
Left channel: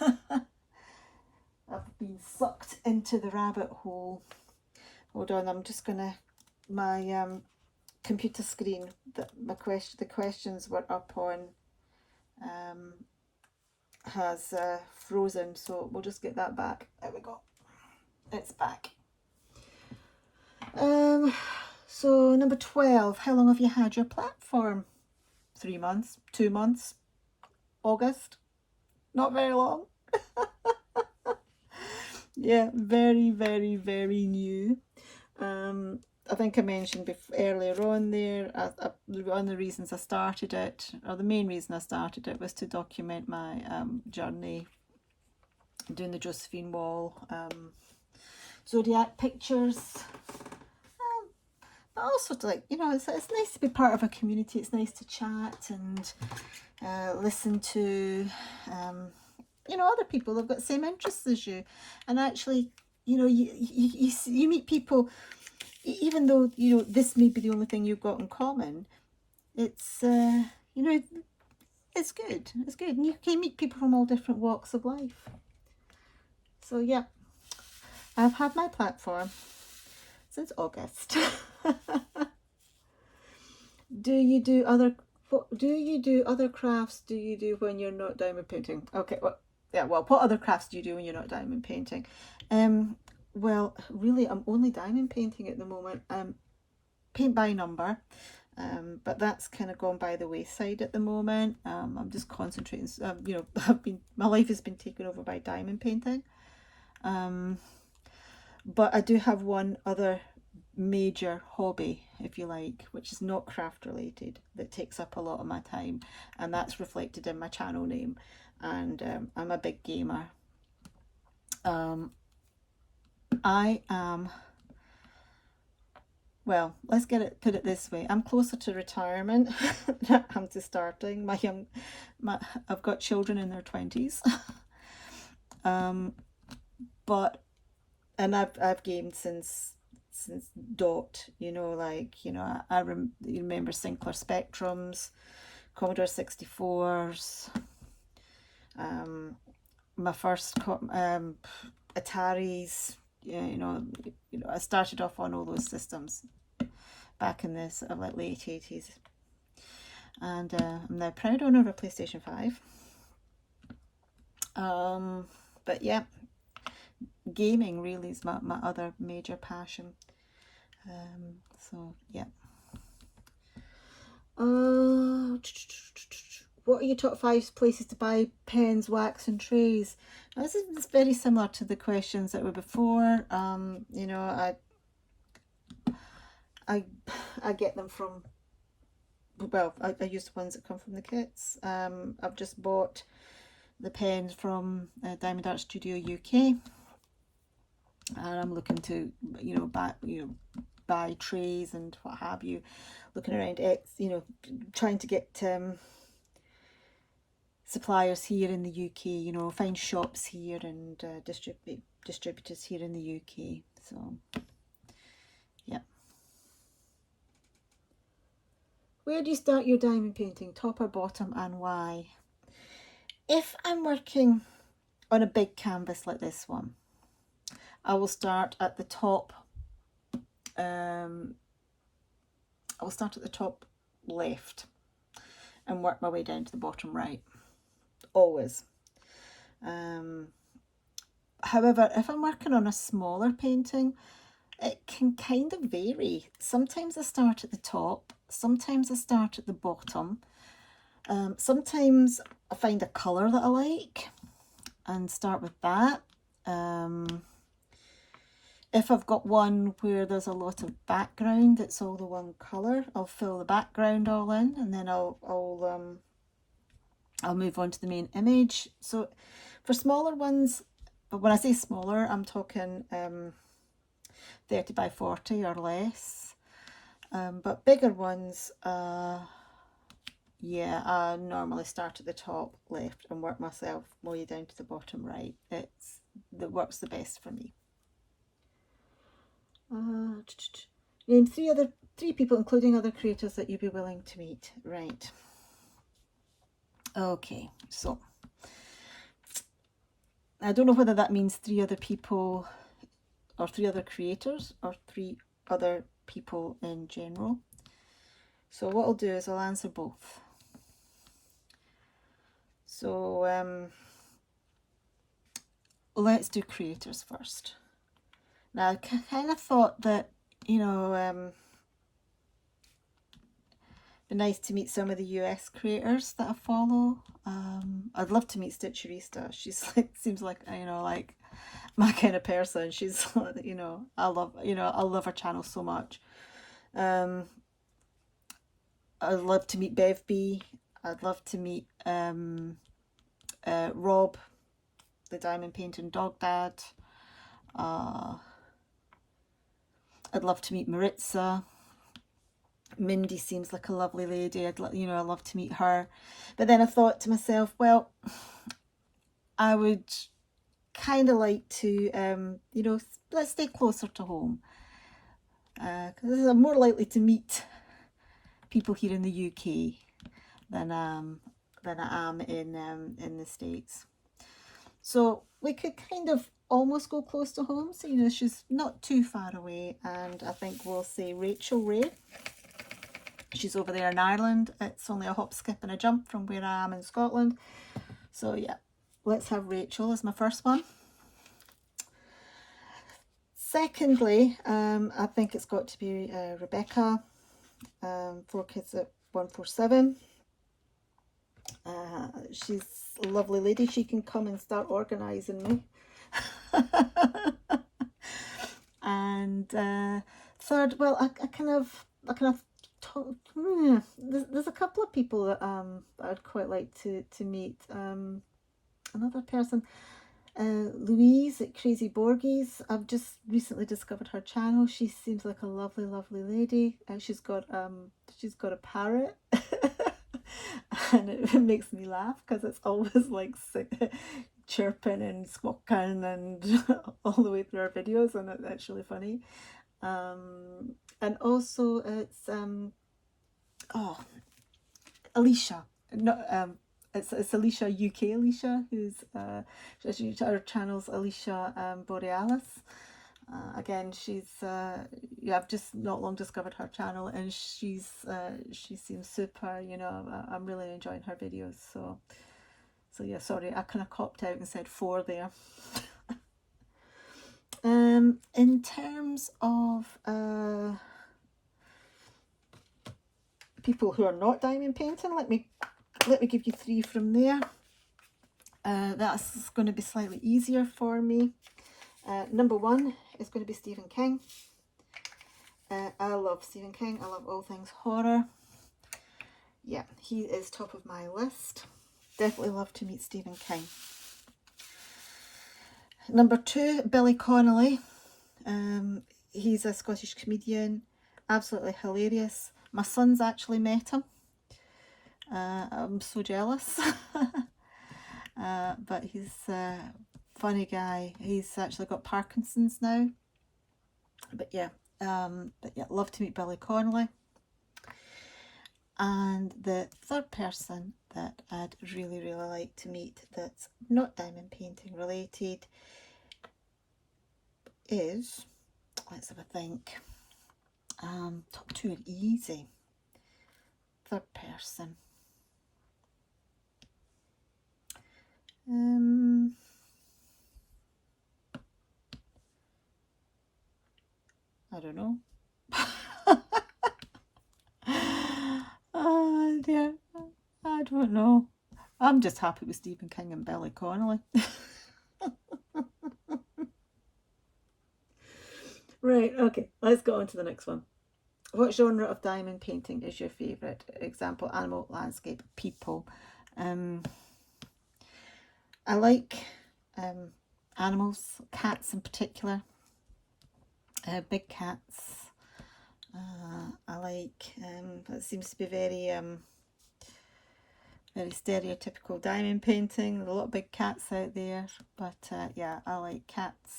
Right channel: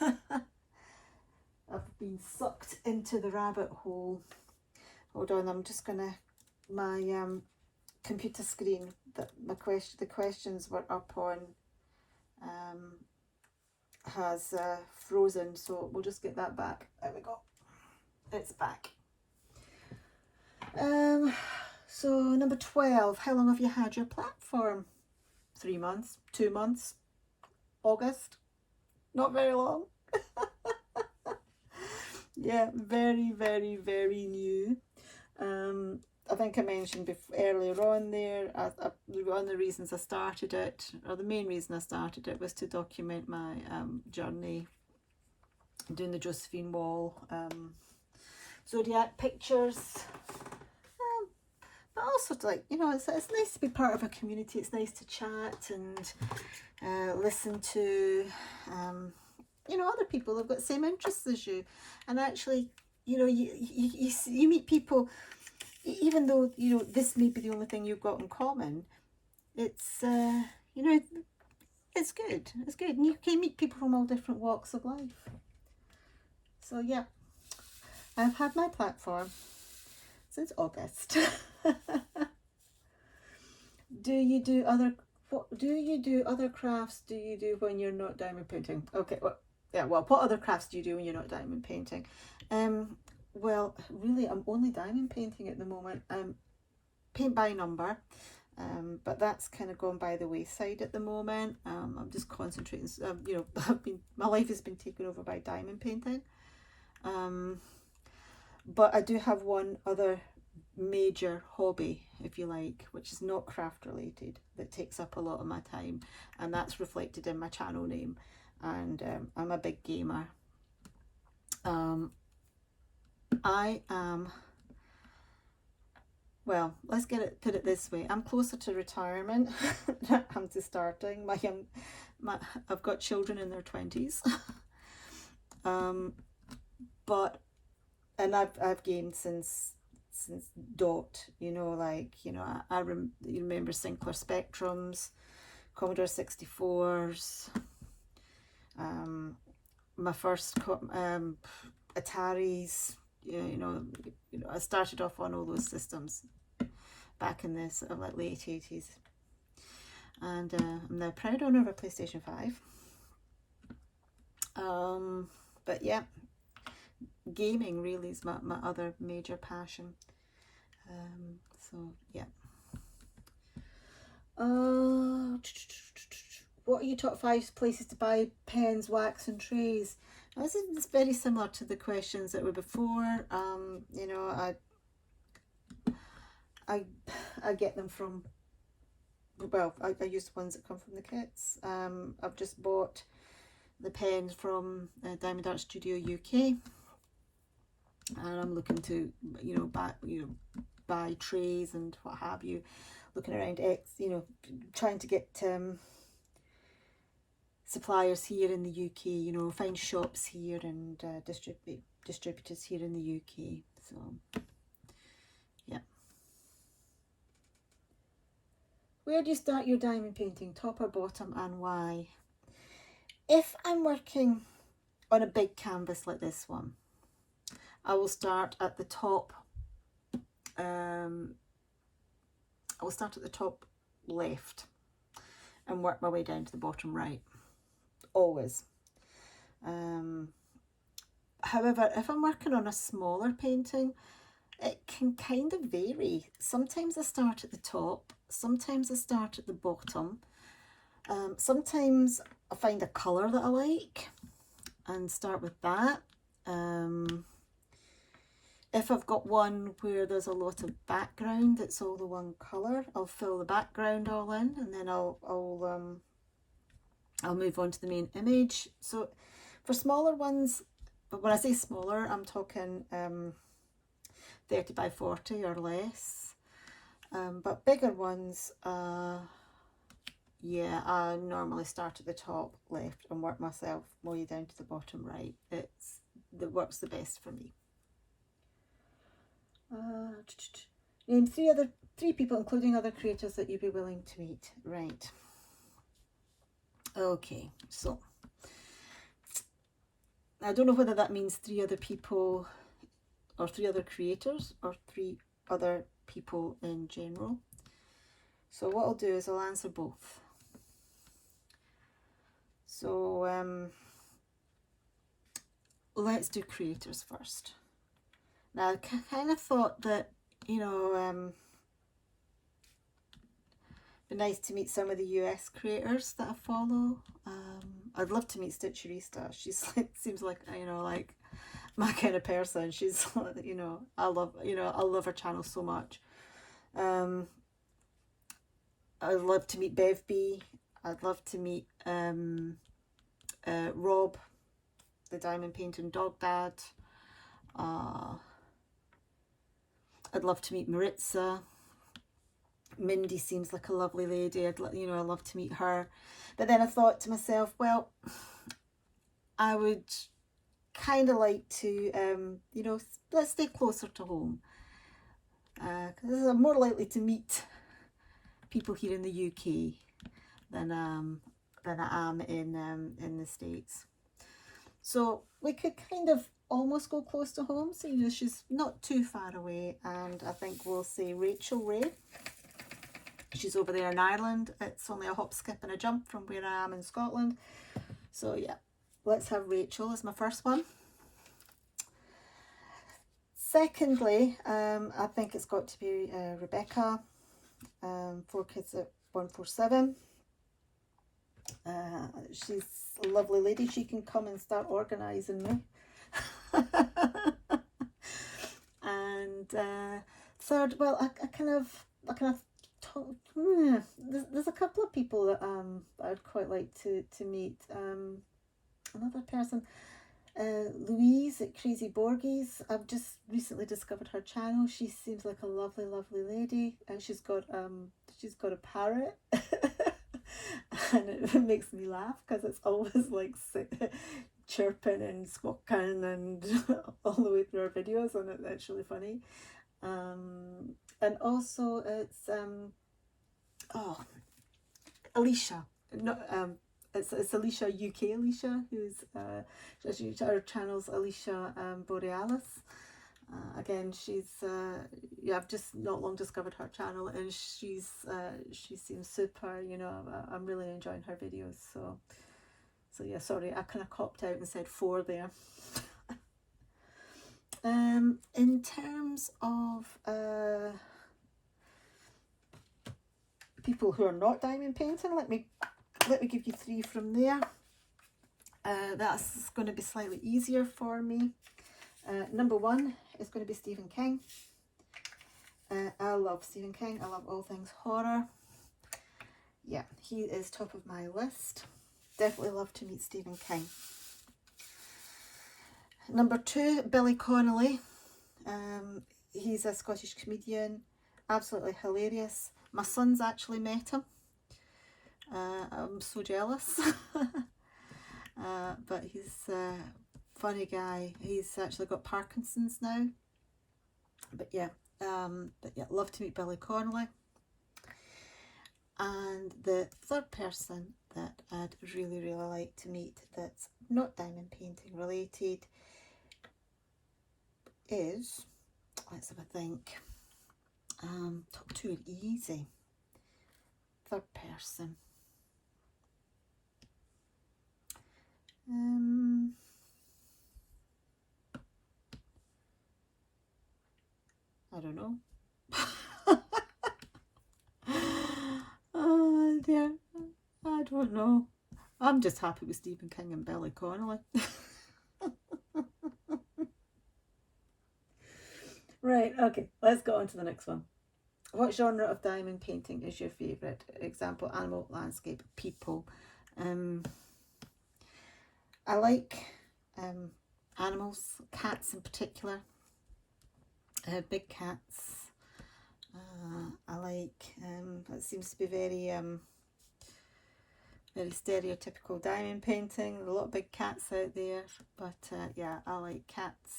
I've been sucked into the rabbit hole. Hold on, I'm just gonna, my computer screen that the questions were up on has frozen, so we'll just get that back. There we go, it's back. So number 12, how long have you had your platform? 3 months, 2 months, August, not very long. Yeah, very, very, very new. I think I mentioned earlier on there, one of the reasons I started it, or the main reason I started it, was to document my journey doing the Josephine Wall zodiac pictures. But also, like, you know, it's nice to be part of a community. It's nice to chat and listen to you know, other people that've got the same interests as you, and actually, you know, you meet people, even though, you know, this may be the only thing you've got in common. It's you know, it's good. It's good, and you can meet people from all different walks of life. So yeah, I've had my platform since August. Do you do other crafts do you do when you're not diamond painting? Okay, well, yeah, well, what other crafts do you do when you're not diamond painting? Well, really, I'm only diamond painting at the moment. Paint by number, but that's kind of gone by the wayside at the moment. I'm just concentrating. You know, my life has been taken over by diamond painting. But I do have one other major hobby, if you like, which is not craft related, that takes up a lot of my time, and that's reflected in my channel name. And I'm a big gamer. I am, well, let's put it this way, I'm closer to retirement than I am to starting. I've got children in their 20s. And I've gamed since dot, you know, like, you know, you remember Sinclair Spectrums, Commodore 64s, my first Ataris, you know, I started off on all those systems back in this like late 80s, and I'm now proud owner of a PlayStation 5. But yeah, gaming really is my other major passion. So yeah. What are your top 5 places to buy pens, wax and trays? Now, this is very similar to the questions that were before. You know, I get them from, well, I use the ones that come from the kits. I've just bought the pens from Diamond Art Studio UK, and I'm looking to, you know, buy trays and what have you. Looking around, you know, trying to get suppliers here in the UK, you know, find shops here and distributors here in the UK. So yeah. Where do you start your diamond painting, top or bottom, and why? If I'm working on a big canvas like this one, I will start at the top. I will start at the top left. and work my way down to the bottom right, always. However, if I'm working on a smaller painting, it can kind of vary. Sometimes I start at the top, sometimes I start at the bottom. Sometimes I find a colour that I like and start with that. If I've got one where there's a lot of background, it's all the one colour, I'll fill the background all in, and then I'll move on to the main image. So for smaller ones, but when I say smaller, I'm talking 30 by 40 or less. But bigger ones, yeah, I normally start at the top left and work myself my way down to the bottom right. That works the best for me. Name three people, including other creators, that you'd be willing to meet. Right. Okay, so I don't know whether that means 3 other people or 3 other creators or 3 other people in general. So what I'll do is I'll answer both. So let's do creators first. Now I kind of thought that, you know, be nice to meet some of the US creators that I follow. I'd love to meet Stitcherista. She's like, seems like, you know, like my kind of person. She's, you know, I love her channel so much. I'd love to meet Bev B. I'd love to meet Rob, the diamond painting dog dad. I'd love to meet Maritza. Mindy seems like a lovely lady. I'd love to meet her. But then I thought to myself, well, I would kind of like to, you know, let's stay closer to home. Because I'm more likely to meet people here in the UK than I am in the States. So we could kind of almost go close to home. So, you know, she's not too far away. And I think we'll say Rachel Ray. She's over there in Ireland. It's only a hop, skip and a jump from where I am in Scotland. So yeah, let's have Rachel as my first one. Secondly, I think it's got to be Rebecca, 4 Kids at 147. She's a lovely lady. She can come and start organising me. And third, well, I kind of there's a couple of people that I'd quite like to meet. Another person, Louise at Crazy Borgies. I've just recently discovered her channel. She seems like a lovely lady. She's got a parrot. And it makes me laugh because it's always like chirping and squawking and all the way through our videos, and it's really funny. And also it's Alicia, it's Alicia, UK Alicia, who's her channel's Alicia Borealis. Again, she's I've just not long discovered her channel, and she seems super. You know, I'm really enjoying her videos. So yeah, sorry, I kind of copped out and said 4 there. In terms of people who are not diamond painting, let me give you 3 from there. That's going to be slightly easier for me. Number 1 is going to be Stephen King. I love Stephen King. I love all things horror. Yeah, he is top of my list. Definitely love to meet Stephen King. Number 2, Billy Connolly. He's a Scottish comedian, absolutely hilarious. My son's actually met him. I'm so jealous. But he's a funny guy. He's actually got Parkinson's now. But yeah, love to meet Billy Connolly. And the third person that I'd really like to meet that's not diamond painting related is, let's have a think, top 2 are easy. Third person, I don't know. Oh dear, I don't know. I'm just happy with Stephen King and Billy Connolly. Right, okay, let's go on to the next one. What genre of diamond painting is your favourite? Example, animal, landscape, people. I like animals, cats in particular, big cats. I like, that seems to be very stereotypical diamond painting. There's a lot of big cats out there, but yeah, I like cats,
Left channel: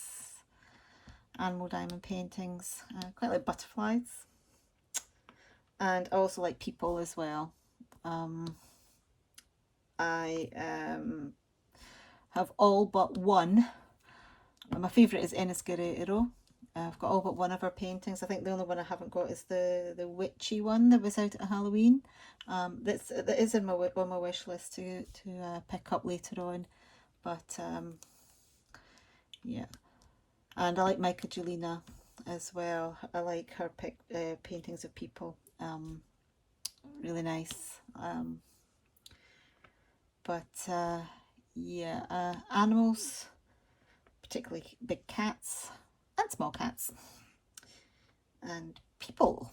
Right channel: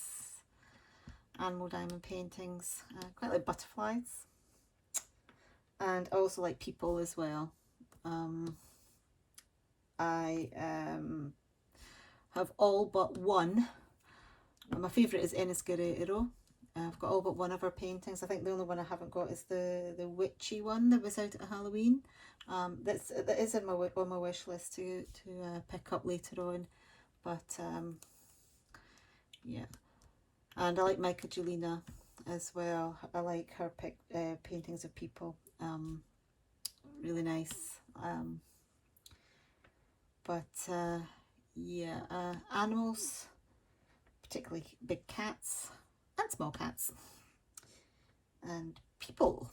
animal diamond paintings. Quite like butterflies, and I also like people as well. I have all but one. My favourite is Mrs Crochet. I've got all but one of her paintings. I think the only one I haven't got is the witchy one that was out at Halloween. That is on my wish list to pick up later on. But yeah, and I like Michaelina as well. I like her paintings of people. Really nice. But yeah, animals, particularly big cats and small cats, and people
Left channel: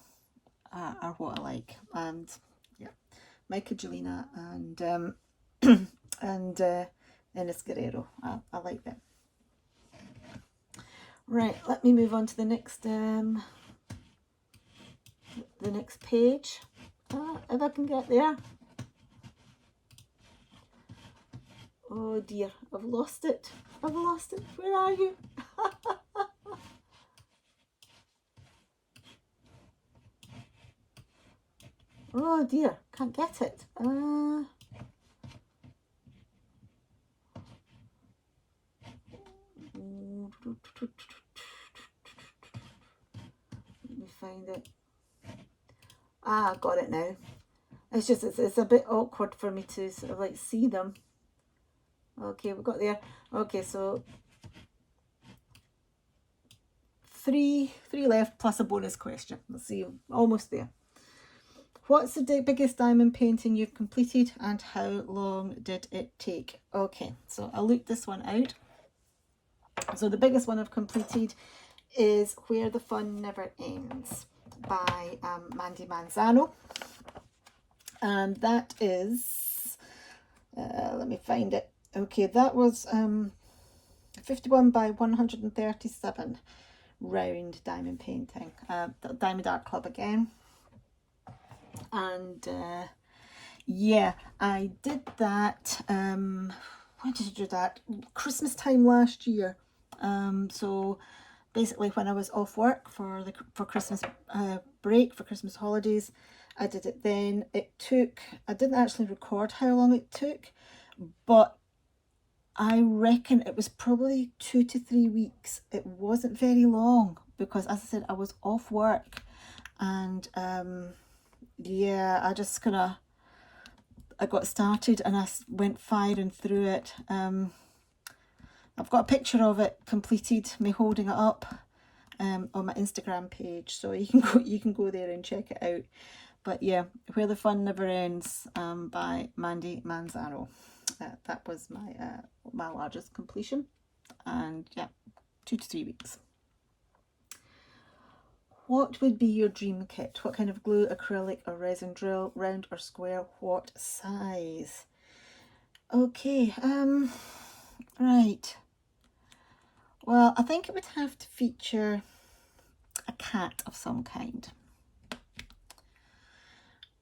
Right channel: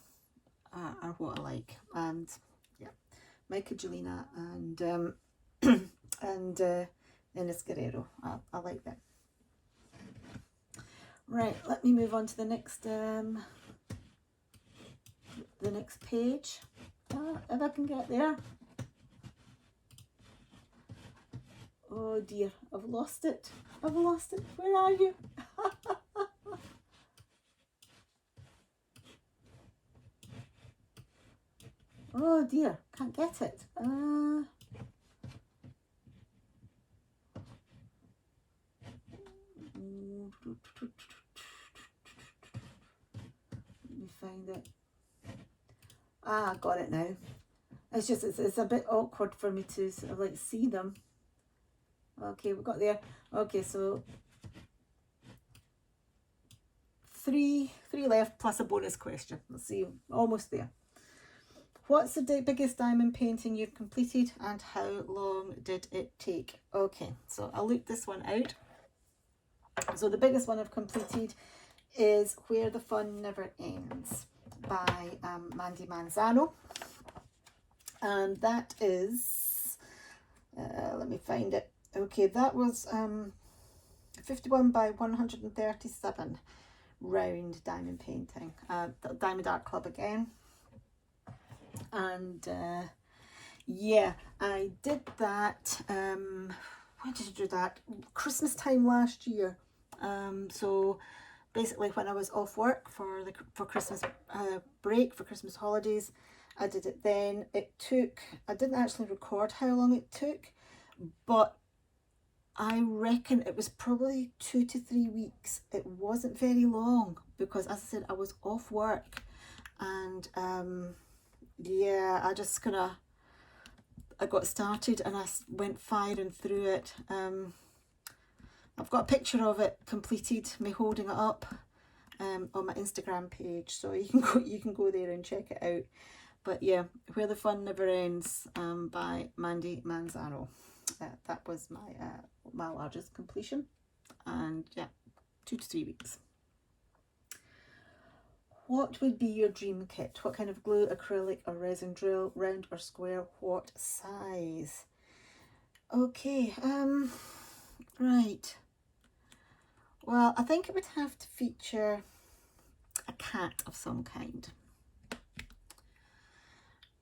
are what I like. And yeah, Michaelina and and Ines Guerrero. I like that. Right, let me move on to the next page. If I can get there. Oh dear, I've lost it. I've lost it. Where are you? Oh dear, can't get it. Let me find it. Ah, got it now. It's just, it's a bit awkward for me to sort of like see them. Okay, we've got there. Okay, so three left plus a bonus question. Let's see, almost there. What's the biggest diamond painting you've completed and how long did it take? Okay, so I'll look this one out. So the biggest one I've completed is Where the Fun Never Ends by Mandy Manzano. And that is, let me find it. Okay, that was 51 by 137 round diamond painting. Diamond Art Club again. And yeah, I did that, when did I do that? Christmas time last year. So basically when I was off work for Christmas break, for Christmas holidays, I did it then. It took, I didn't actually record how long it took, but I reckon it was probably 2 to 3 weeks. It wasn't very long because, as I said, I was off work, and yeah, I just I got started and I went firing through it. I've got a picture of it completed, me holding it up on my Instagram page, so you can go there and check it out. But yeah, Where the Fun Never Ends by Mandy Manzano. That was my largest completion, and yeah, 2 to 3 weeks. What would be your dream kit? What kind of glue, acrylic or resin drill, round or square, what size? Okay, right. Well, I think it would have to feature a cat of some kind.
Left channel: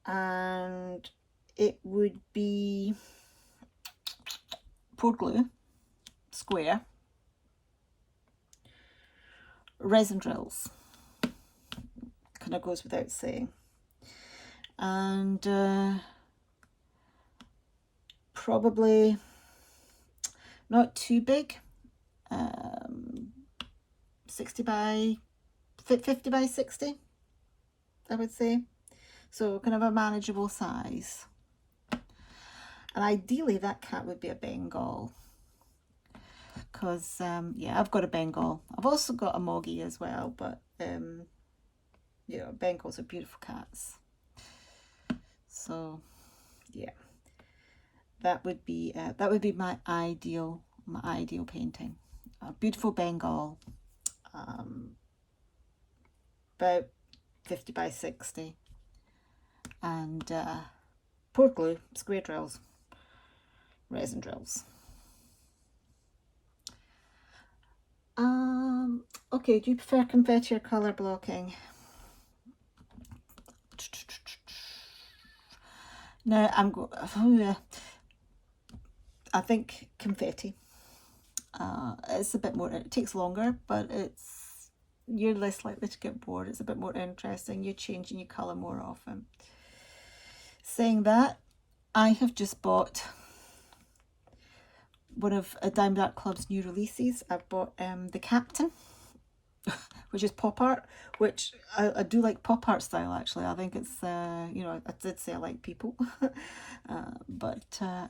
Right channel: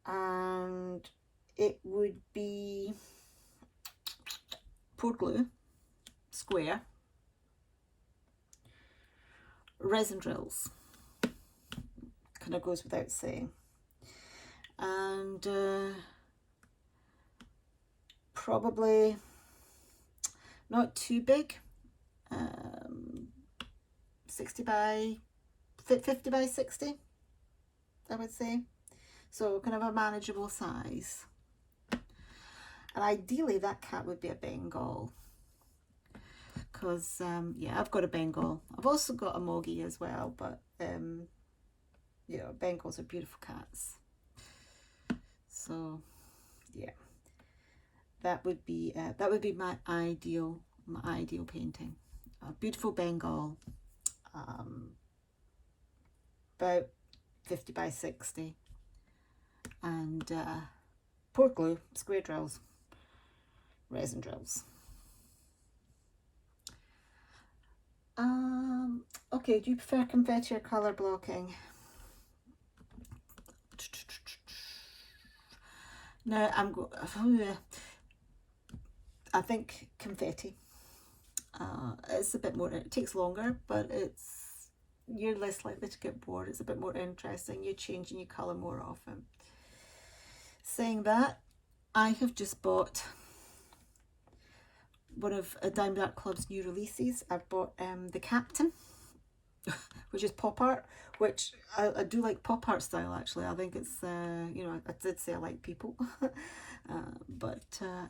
And it would be poured glue, square, resin drills, kind of goes without saying, and probably not too big, 50 by 60, I would say, so kind of a manageable size. And ideally that cat would be a Bengal, because yeah, I've got a Bengal. I've also got a Moggy as well, but you know, Bengals are beautiful cats. So yeah, that would be my ideal painting. A beautiful Bengal, about 50 by 60, and pour glue, square drills, resin drills. Okay, do you prefer confetti or colour blocking? Now I think confetti. It's a bit more, it takes longer, but you're less likely to get bored. It's a bit more interesting. You're changing your colour more often. Saying that, I have just bought one of Diamond Art Club's new releases. I've bought the Captain, which is pop art, which I do like pop art style actually. I think it's, you know, I did say I like people, but I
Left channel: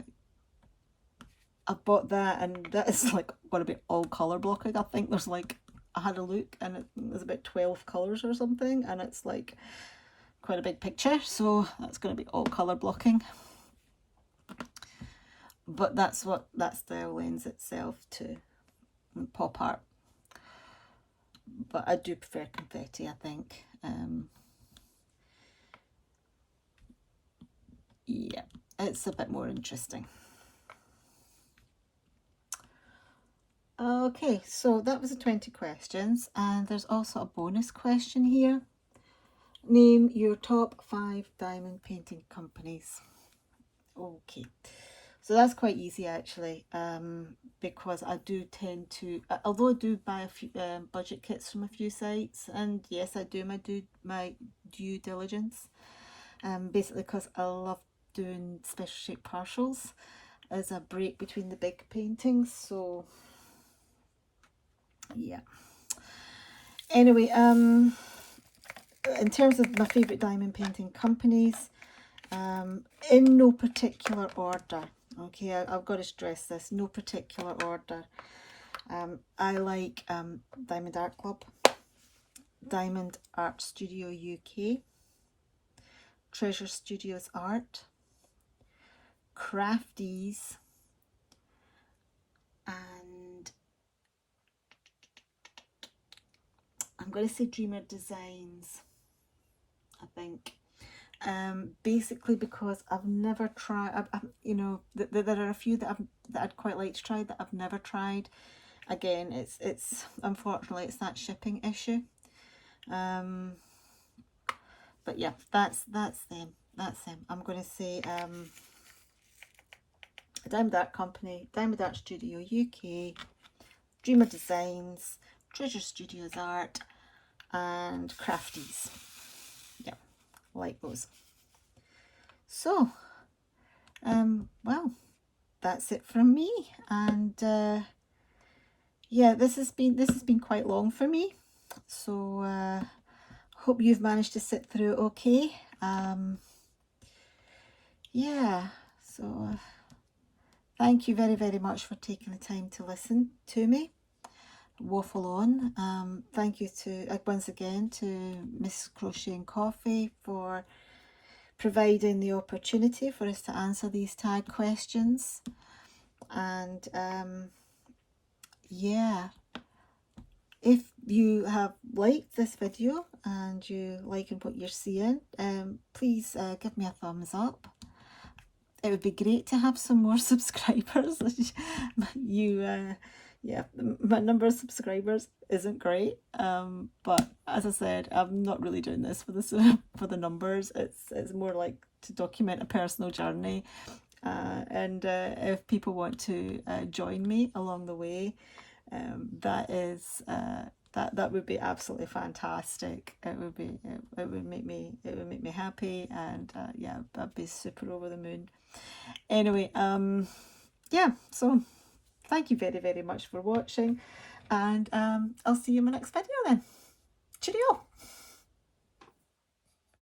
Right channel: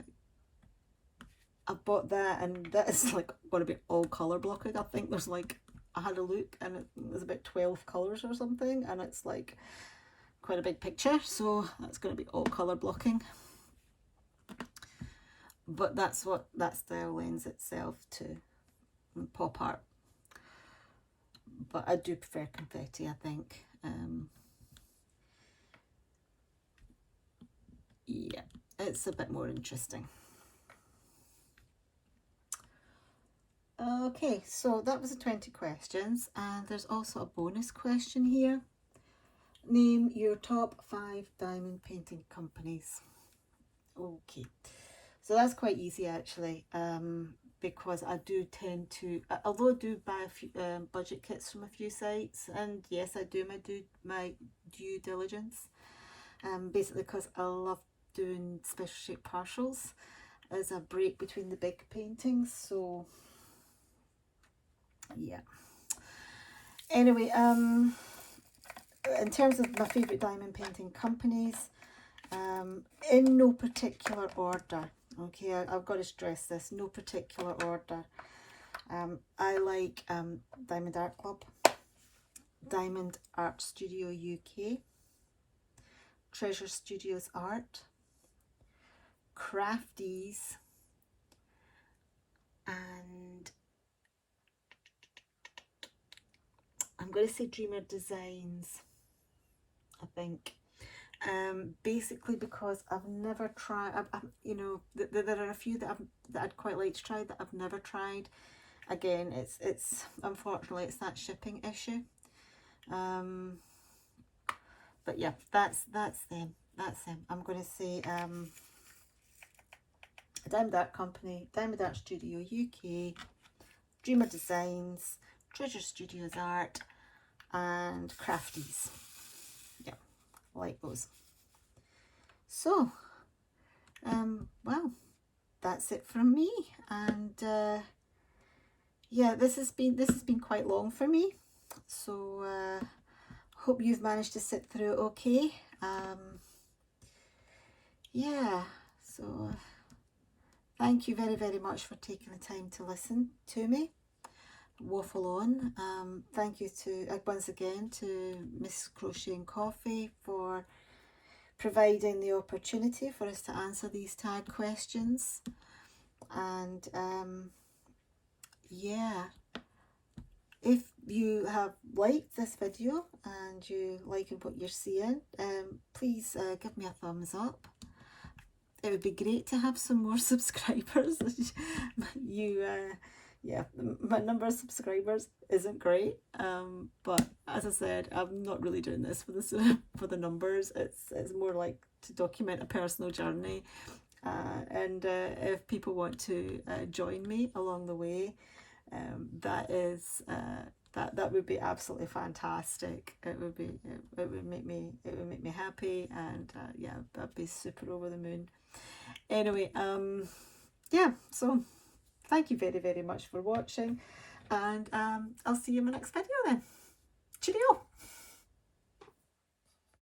bought that, and that is like going to be all colour blocking. I think there's like, I had a look and there's about 12 colours or something, and it's like quite a big picture, so that's going to be all colour blocking. But that's what that style lends itself to, pop art. But I do prefer confetti, I think. Yeah, it's a bit more interesting. Okay, so that was the 20 questions, and there's also a bonus question here. Name your top 5 diamond painting companies. Okay, so that's quite easy actually, because I do tend to, although I do buy a few budget kits from a few sites, and yes, I do my due diligence, basically because I love doing special shape partials as a break between the big paintings. So yeah, anyway, in terms of my favourite diamond painting companies, in no particular order, okay, I've got to stress this, no particular order. I like Diamond Art Club, Diamond Art Studio UK, Treasure Studios Art, Crafties, and I'm going to say Dreamer Designs, I think. Basically because I've never tried, you know, there are a few that I'd quite like to try that I've never tried. Again, it's unfortunately it's that shipping issue. But yeah, that's them. I'm going to say Diamond Art Company, Diamond Art Studio UK, Dreamer Designs, Treasure Studios Art, and Crafties. Yeah, like those. So, well, that's it from me, and yeah, this has been quite long for me. So hope you've managed to sit through okay. Yeah, so thank you very, very much for taking the time to listen to me waffle on. Thank you to once again to Mrs Crochet and Coffee for providing the opportunity for us to answer these tag questions. And yeah, if you have liked this video and you like what you're seeing, please give me a thumbs up. It would be great to have some more subscribers. Yeah, my number of subscribers isn't great, but as I said, I'm not really doing this for the numbers. It's more like to document a personal journey, and if people want to join me along the way, that would be absolutely fantastic. It would make me happy, and yeah, I'd be super over the moon. Anyway, yeah, so thank you very, very much for watching, and I'll see you in my next video then. Cheerio!